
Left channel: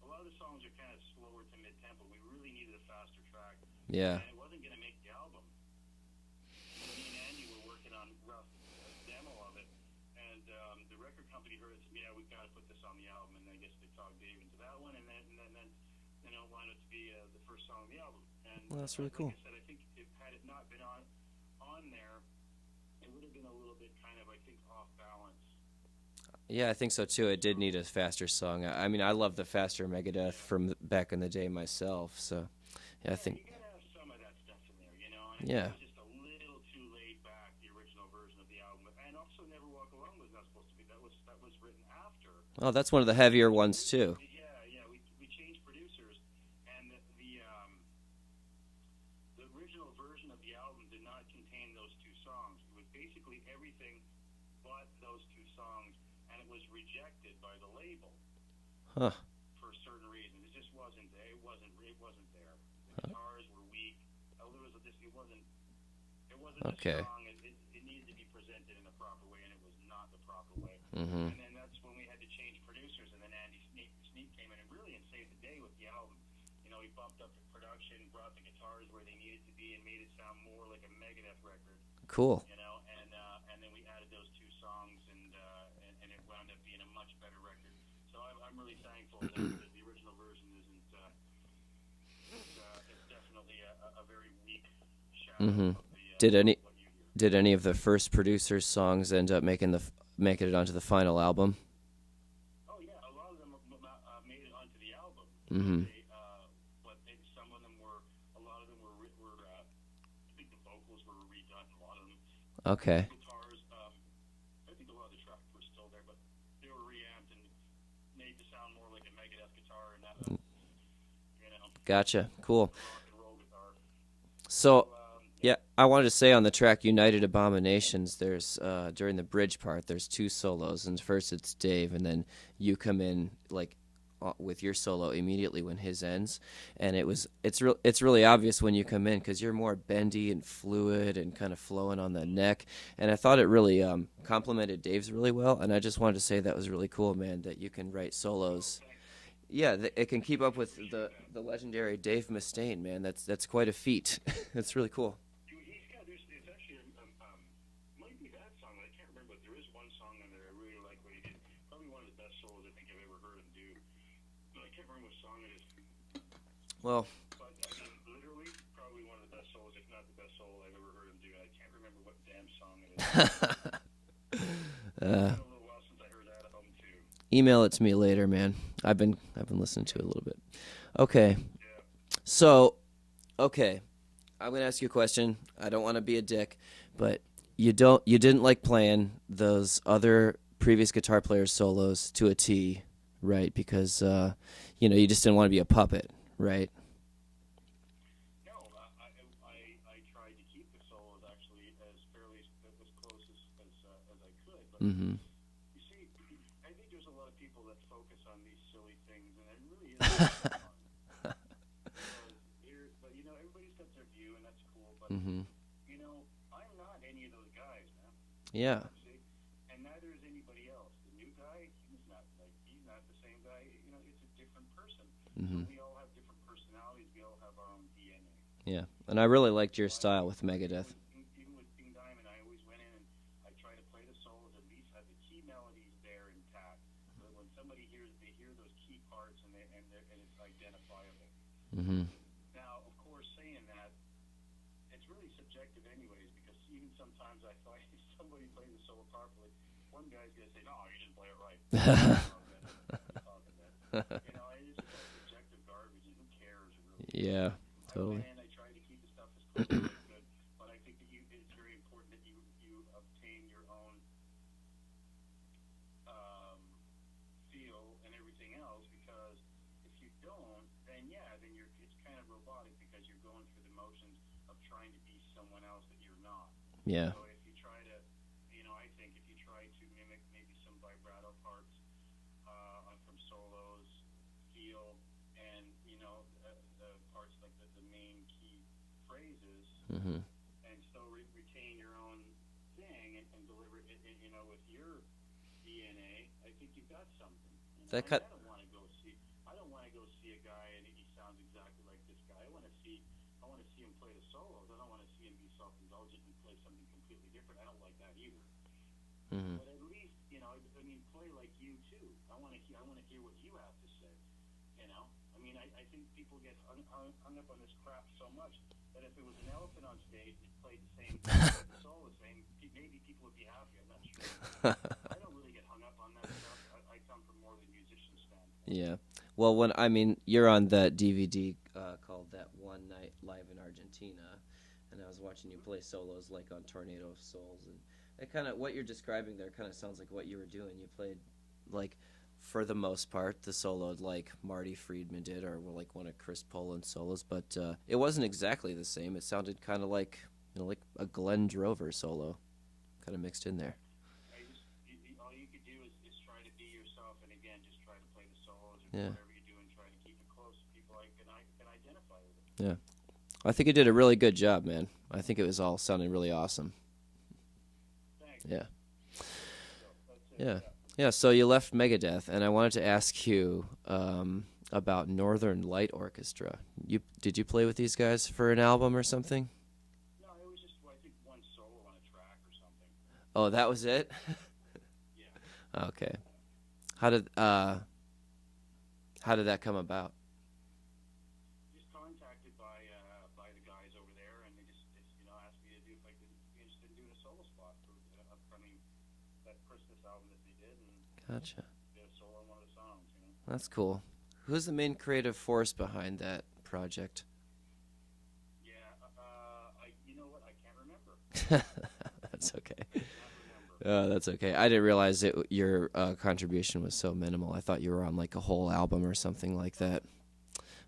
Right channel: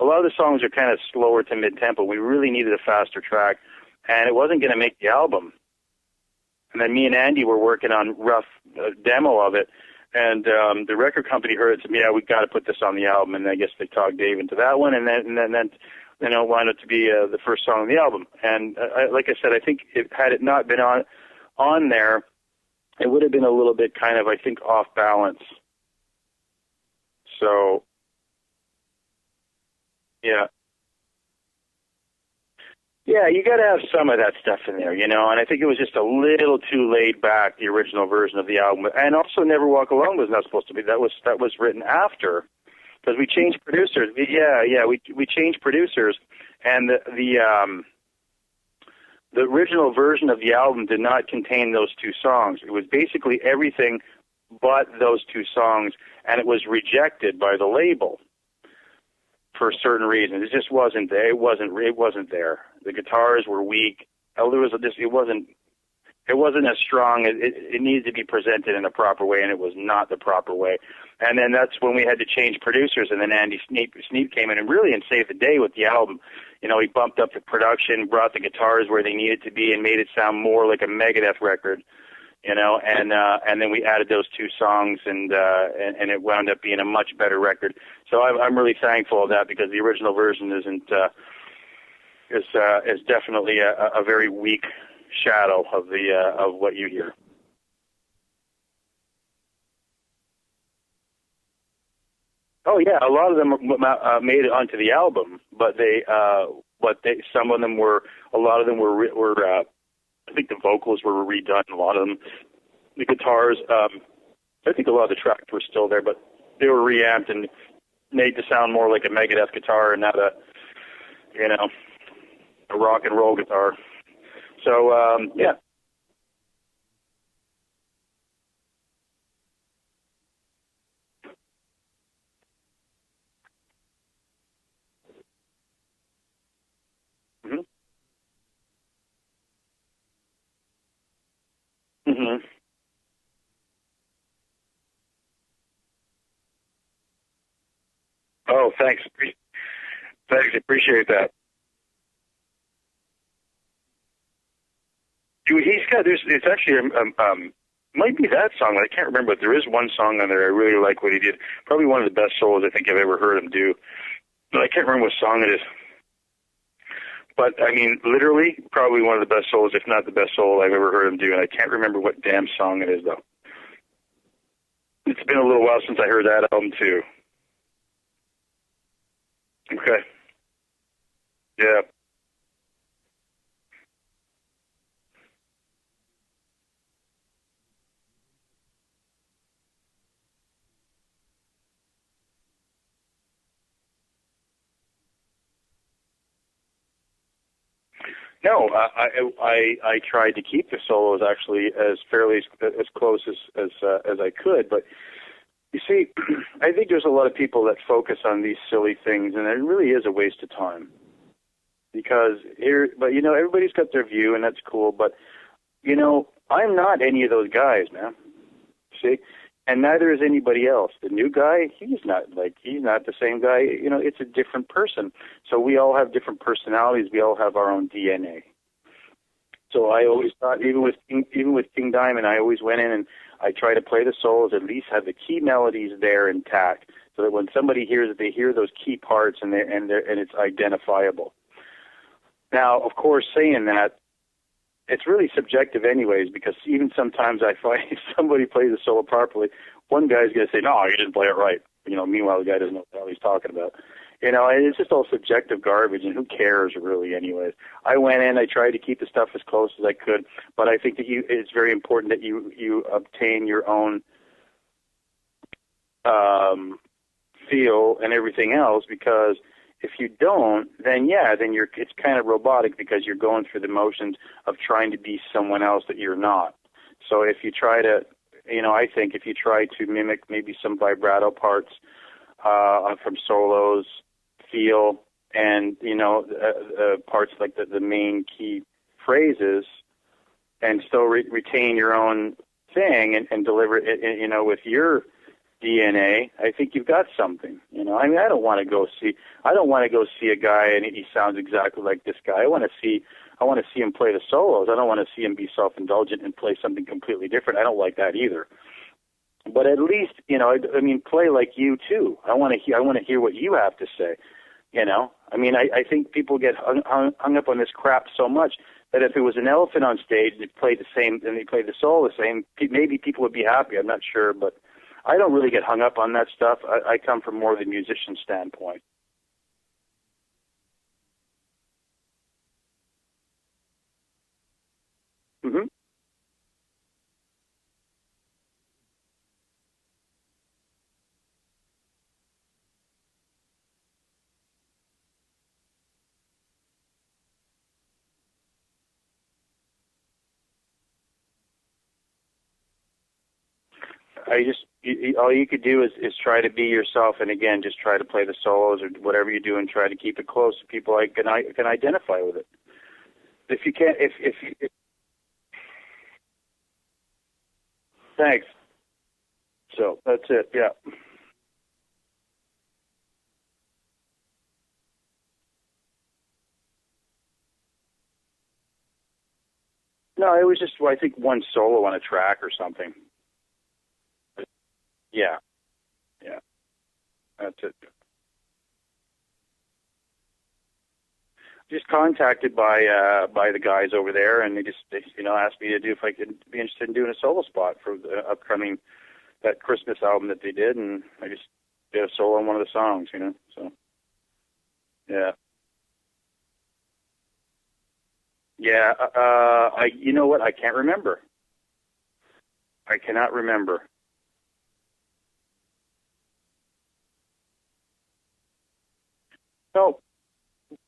a lot of the songs are kind of slower to mid-tempo. We really needed a faster track, and it wasn't going to make the album. And then me and Andy were working on rough demo of it, and the record company heard it and said, "Yeah, we got to put this on the album." And I guess they talked Dave into that one, and then it wound up to be the first song on the album. And like I said, I think had it not been on there, it would have been a little bit kind of, I think, off balance. Yeah, I think so too. It did need a faster song. I mean, I love the faster Megadeth from back in the day myself. So. Yeah, you got to have some of that stuff in there, and I think it was just a little too laid back, the original version of the album. And also, Never Walk Alone was not supposed to be. That was written after. Oh, that's one of the heavier ones producers. too. Yeah, we changed producers, and the original version of the album did not contain those two songs. It was basically everything but those two songs, and it was rejected by the label. Huh. For certain reasons. It just wasn't there. It wasn't there. The guitars were weak. It wasn't as strong. It needed to be presented in a proper way, and it was not the proper way. Mm-hmm. And then that's when we had to change producers, and then Andy Sneap came in and saved the day with the album. He bumped up the production, brought the guitars where they needed to be, and made it sound more like a Megadeth record. Cool. And then we added those two songs, and it wound up being a much better record. So I'm really thankful of that, because the original version is definitely a very weak shadow of what you hear. Did any of the first producers' songs end up making it onto the final album? Oh yeah, a lot of them made it onto the album, but some of them were. A lot of them were. I think the vocals were redone. A lot of them. Okay. The guitars. I think a lot of the tracks were still there, but they were reamped and made to sound more like a Megadeth guitar and not a. Gotcha. Cool. A rock and roll guitar. So yeah, I wanted to say on the track United Abominations, there's during the bridge part, there's two solos, and first it's Dave, and then you come in with your solo immediately when his ends, and it's really obvious when you come in because you're more bendy and fluid and kind of flowing on the neck, and I thought it really complemented Dave's really well, and I just wanted to say that was really cool, man, that you can write solos. Oh, thanks. Yeah, it can keep up with the legendary Dave Mustaine, man. That's quite a feat. That's really cool. Dude, it's actually might be that song. I can't remember, but there is one song on there I really like what he did. Probably one of the best solos I think I've ever heard him do. But I can't remember what song it is. Well, but I mean, literally, probably one of the best solos, if not the best solo I've ever heard him do. And I can't remember what damn song it is, though. It's been a little while since I heard that album too. Email it to me later, man. I've been listening to it a little bit. Okay. Yeah. So, okay, I'm gonna ask you a question. I don't want to be a dick, but you didn't like playing those other previous guitar players' solos to a T, right? Because you just didn't want to be a puppet, right? No, I tried to keep the solos actually as close as I could, but you see, I think there's a lot of people that focus on these silly things, and it really is a waste of time. Because everybody's got their view, and that's cool, but I'm not any of those guys, man. Yeah. See, and neither is anybody else. The new guy, he's not the same guy. It's a different person. So we all have different personalities. We all have our own DNA. Yeah, and I really liked your style. So I always thought, even with King Diamond, I always went in and I try to play the solos, at least have the key melodies there intact, so that when somebody hears it, they hear those key parts and it's identifiable. Mm-hmm. Now, of course, saying that, it's really subjective anyways, because even sometimes I find if somebody plays a solo properly, one guy's going to say, no, you didn't play it right. Meanwhile, the guy doesn't know what he's talking about. And it's just all subjective garbage, and who cares really anyways. Yeah. I went in, I tried to keep the stuff as close as I could, but I think that it's very important that you obtain your own feel and everything else, because if you don't, then it's kind of robotic, because you're going through the motions of trying to be someone else that you're not. Yeah. So if you try to, I think if you try to mimic maybe some vibrato parts from solos, feel, and parts like the main key phrases, and still retain your own thing and deliver it, with your DNA. I think you've got something. You know, Okay. I mean, I don't want to go see a guy and he sounds exactly like this guy. I want to see him play the solos. I don't want to see him be self-indulgent and play something completely different. I don't like that either. Mm-hmm. But at least, you know, I mean, play like you too. I want to hear what you have to say. You know, I mean, I think people get hung up on this crap so much that if it was an elephant on stage and they played the solo the same, maybe people would be happy. I'm not sure, but I don't really get hung up on that stuff. I come from more the musician standpoint. Yeah. Well, you're on that DVD called That One Night Live in Argentina, and I was watching you play solos like on Tornado of Souls, and it kind of what you're describing there kind of sounds like what you were doing. You played like, for the most part, the solo like Marty Friedman did, or like one of Chris Poland's solos, but it wasn't exactly the same. It sounded kind of like, you know, like a Glen Drover solo, kind of mixed in there. All you could do is try to be yourself, and again, just try to play the solos or whatever you do, and try to keep it close so people can identify with it. Yeah, I think you did a really good job, man. I think it was all sounding really awesome. Thanks. Yeah. So that's it. Yeah. Yeah. So you left Megadeth, and I wanted to ask you about Northern Light Orchestra. Did you play with these guys for an album or something? No, it was just, I think, one solo on a track or something. Oh, that was it? Yeah. Okay. Yeah. How did that come about? Just contacted by the guys over there, and they asked me to do if I could be interested in doing a solo spot for the upcoming that Christmas album that they did, and I just did a solo on one of the songs. You know. That's cool. Who's the main creative force behind that project? Yeah. You know what? I can't remember. That's okay. I cannot remember. That's okay. I didn't realize your contribution was so minimal. I thought you were on like a whole album or something like that.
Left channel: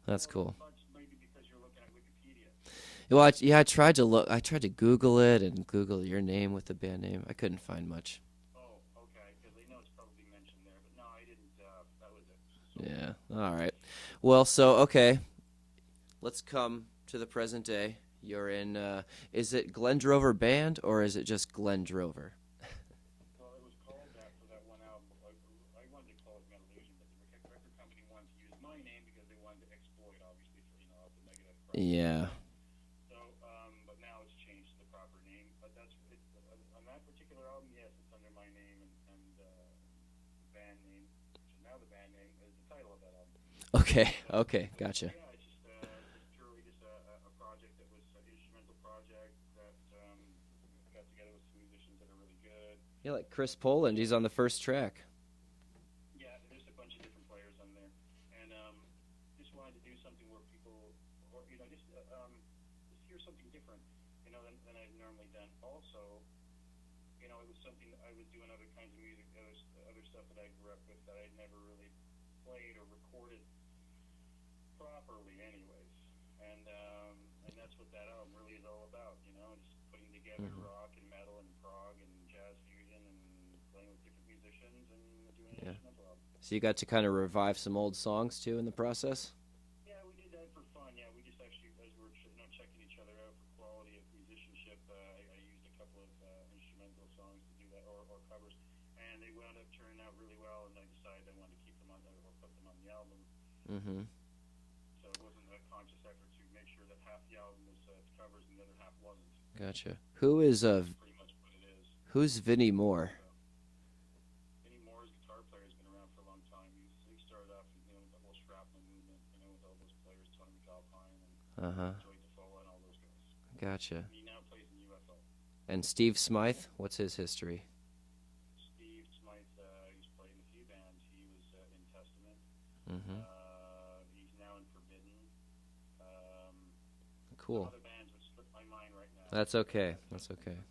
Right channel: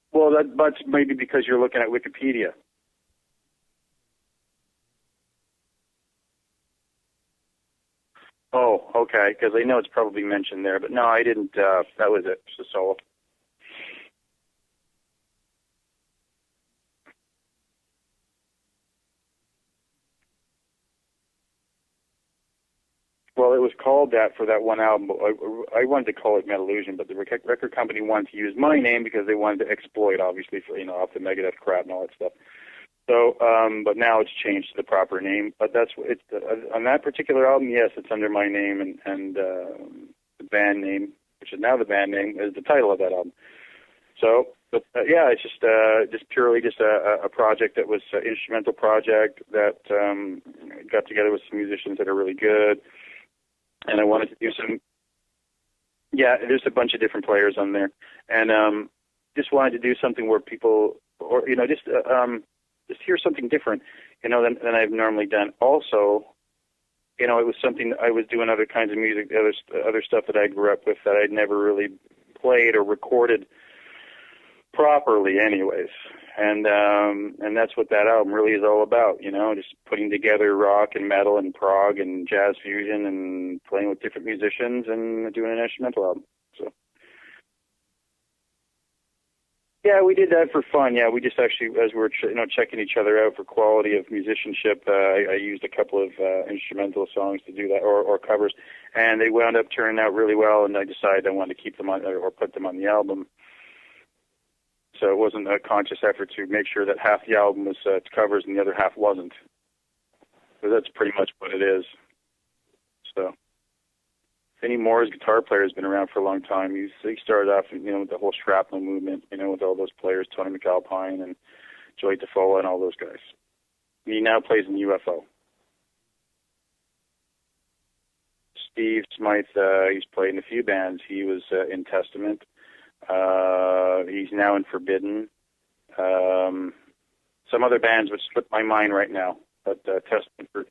That's well, cool. that's maybe because you're looking at Wikipedia. Well, I tried to look. I tried to Google it and Google your name with the band name. I couldn't find much. Oh, okay. Because I know it's probably mentioned there, but no, I didn't. That was it. Just a solo. Yeah. All right. Well, so okay. Let's come to the present day. You're in. Is it Glen Drover Band or is it just Glen Drover? Well, it was called that for that one album. I wanted to call it Metallusion, but the record company wanted to use my name because they wanted to exploit, obviously, for, off the Megadeth crap and all that stuff. So, but now it's changed to the proper name. But that's it's on that particular album. Yes, it's under my name, and the band name, which is now the band name, is the title of that album. Okay. So, okay. Gotcha. Yeah, it's just purely just a project that was an instrumental project that got together with some musicians that are really good. Yeah, like Chris Poland and is I on wanted the first track. Yeah, there's a bunch of different players on there, and just wanted to do something where people, or just hear something different, than I've normally done. Also, it was something I was doing other kinds of music, other stuff that I grew up with that I'd never really played or recorded properly, anyways. And that's what that album really is all about, just putting together rock and metal and prog and jazz fusion and playing with different musicians and doing an instrumental album. So you got to kind of revive some old songs too in the process? Yeah, we did that for fun. Yeah, we just actually, as we were checking each other out for quality of musicianship, I used a couple of instrumental songs to do that, or covers, and they wound up turning out really well. And I decided I wanted to keep them on or put them on the album. Mm-hmm. So it wasn't a conscious effort to make sure that half the album was covers and the other half wasn't. Gotcha. Who is? So that's pretty much what it is. Who's Vinnie Moore? So Vinnie Moore's guitar player has been around for a long time. He started off, with the whole shrapnel movement, with all those players, Tony McAlpine and Joey DeFola and all those guys. Gotcha. He now plays in UFO. And Steve Smythe, what's his history? Steve Smythe, he's played in a few bands. He was in Testament. He's now in Forbidden. Cool. Some other bands would slip my mind right now. That's okay. But,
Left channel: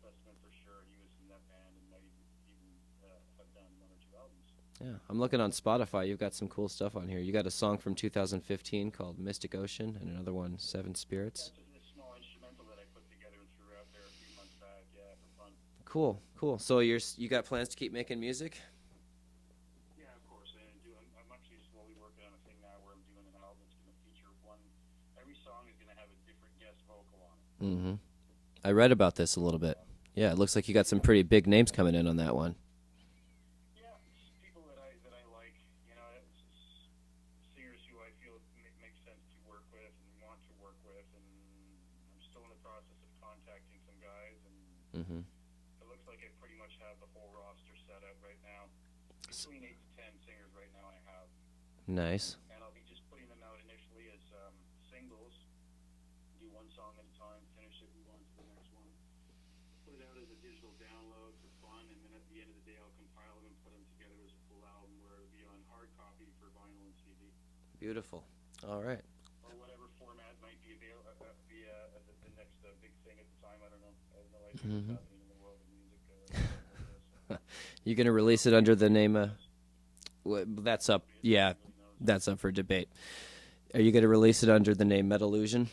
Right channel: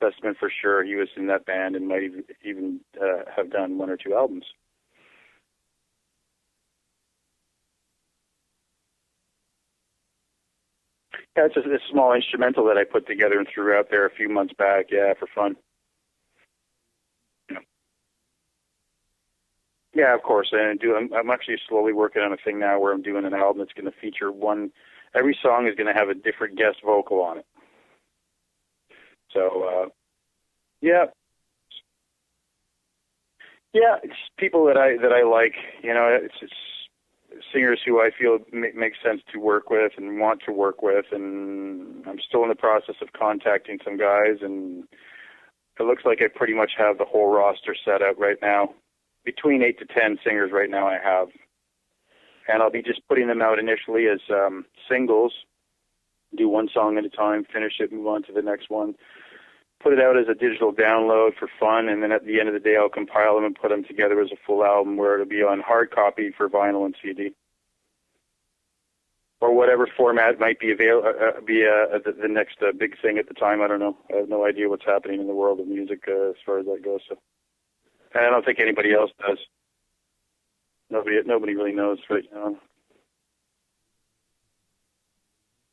Testament for sure. He was in that band and might even have done one or two albums. Yeah, I'm looking on Spotify. You've got some cool stuff on here. You got a song from 2015 called Mystic Ocean and another one, Seven Spirits. Yeah, it's a small instrumental that I put together and threw out there a few months back, for fun. Cool. So you got plans to keep making music? Yeah, of course. I'm actually slowly working on a thing now where I'm doing an album that's going to feature every song is going to have a different guest vocal on it. I read about this a little bit. Yeah, it looks like you got some pretty big names coming in on that one. Yeah, it's people that I like. You know, it's singers who I feel makes sense to work with and want to work with, and I'm still in the process of contacting some guys, and it looks like I pretty much have the whole roster set up right now. Between 8 to 10 singers right now I have. Nice. And I'll be just putting them out initially as singles, do one song at a time, finish it, move on to the next one. Put it out as a digital download for fun, and then at the end of the day, I'll compile them and put them together as a full album where it'll be on hard copy for vinyl and CD. Beautiful. All right. Or whatever format might be the next big thing at the time. I don't know. I have no idea what's happening in the world of music as far as that goes. So. You're going to release it under the name of... That's up. Nobody really knows. That's up for debate. Are you going to release it under the name Metallusion?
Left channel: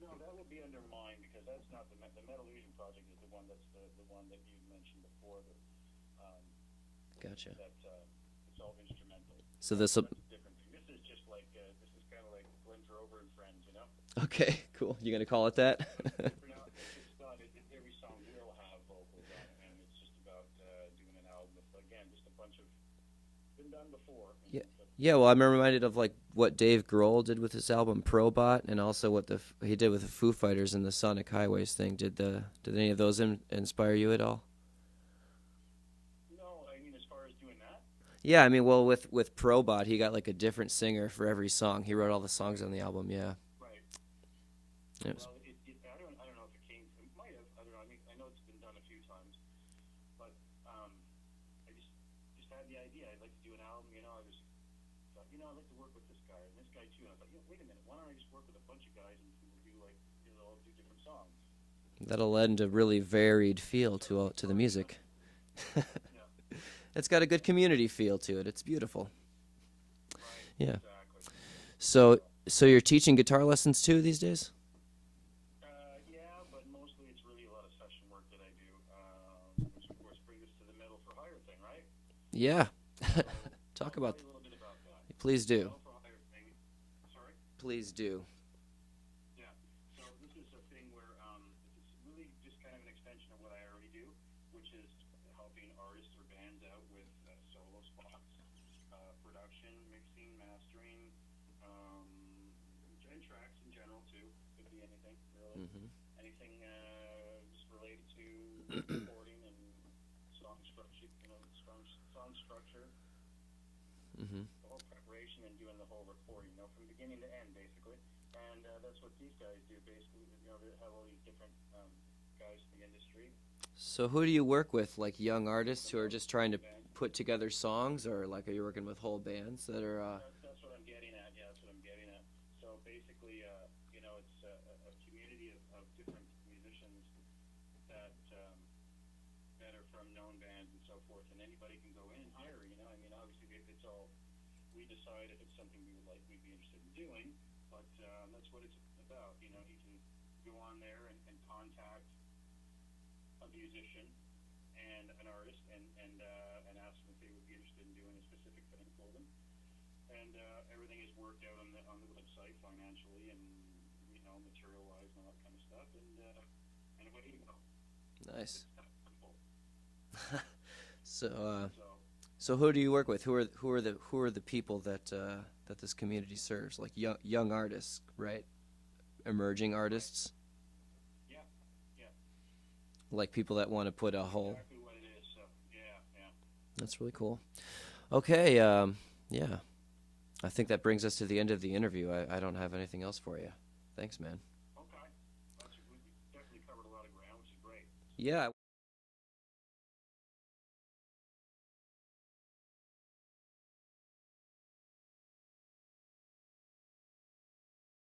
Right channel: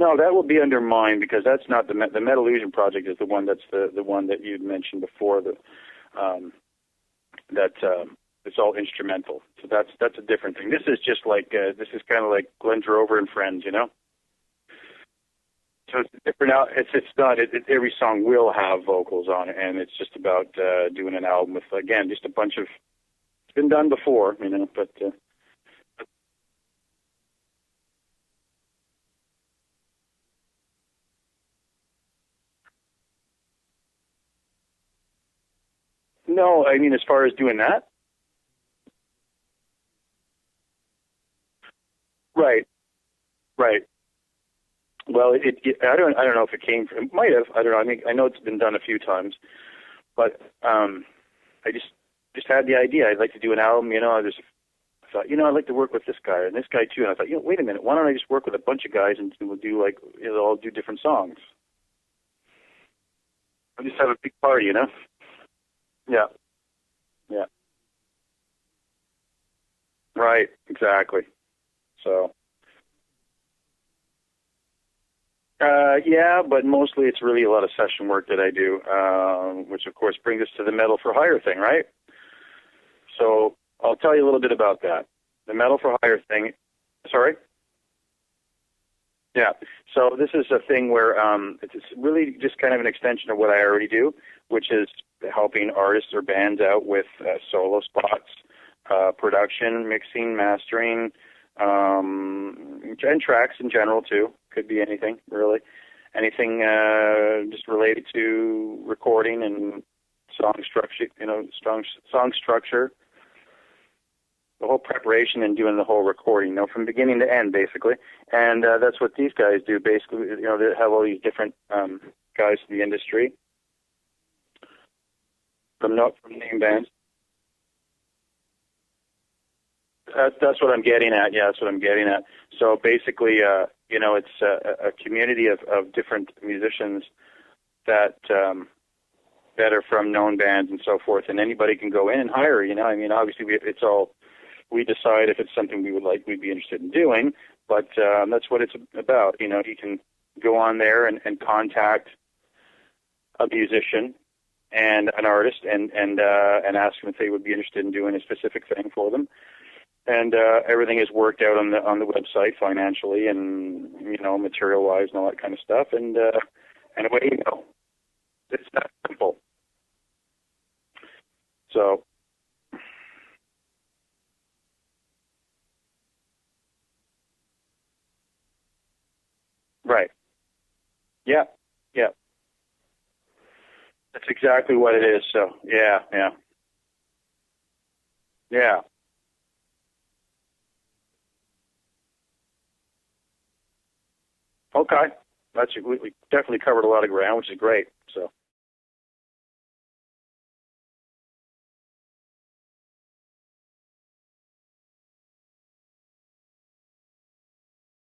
No, that will be under mine because that's not the Metallusion project. Is the one that's the one that you'd mentioned before. Gotcha. That it's all instrumental. So that's a different thing. This is just like this is kind of like Glen Drover and Friends, you know. Okay, cool. You going to call it that? So it's different now. It's not. Every song will have vocals on it, and it's just about doing an album with again just a bunch of. It's been done before, you know. But yeah, well, I'm reminded of like what Dave Grohl did with his album Probot, and also what he did with the Foo Fighters and the Sonic Highways thing. Did any of those inspire you at all? No, I mean as far as doing that. Yeah, I mean, well, with Probot, he got like a different singer for every song. He wrote all the songs on the album. Yeah. Right. Well, I don't know if it came from. It might have. I don't know. I mean, I know it's been done a few times, but I just had the idea. I'd like to do an album. You know, I thought, I'd like to work with this guy and this guy too. And I thought, wait a minute, why don't I just work with a bunch of guys and we'll do like all do different songs. That'll lend a really varied feel just have to a big party, music. You know. Yeah. It's got a good community feel to it. It's beautiful. Right. Yeah. Exactly. So you're teaching guitar lessons too these days? Yeah, but mostly it's really a lot of session work that I do, which of course brings us to the Metal for Hire thing, right? Yeah. So I'll tell you a little bit about that. Please do. The Metal for Hire thing. Sorry? Please do. Yeah. So this is a thing where it's really just kind of an extension of what I already do, which is helping artists or bands out with solo spots, production, mixing, mastering, and tracks in general too. Could be anything, really. Anything just related to recording and song structure, song structure. The whole preparation and doing the whole recording, from beginning to end, basically. And that's what these guys do, basically. They have all these different guys in the industry. So who do you work with, like young artists From who are just trying to bands. put together songs, or like are you working with whole bands that are... That's what I'm getting at. Yeah, that's what I'm getting at. So basically, it's a community of different musicians that are from known bands and so forth, and anybody can go in and hire. I mean, obviously, we decide if it's something we'd be interested in doing, but that's what it's about. You can go on there and contact a musician and an artist and ask them if they would be interested in doing a specific thing for them. And everything is worked out on the website financially and material wise and all that kind of stuff. And away you go. Nice. It's that simple. So who do you work with? Who are the people that this community serves? Like young artists, right? Emerging artists. Right. Yeah. Yeah. Like people that want to put That's exactly what it is. So yeah. That's really cool. Okay. Yeah. Yeah. I think that brings us to the end of the interview. I don't have anything else for you. Thanks, man. Okay. We definitely covered a lot of ground, which is great. So yeah.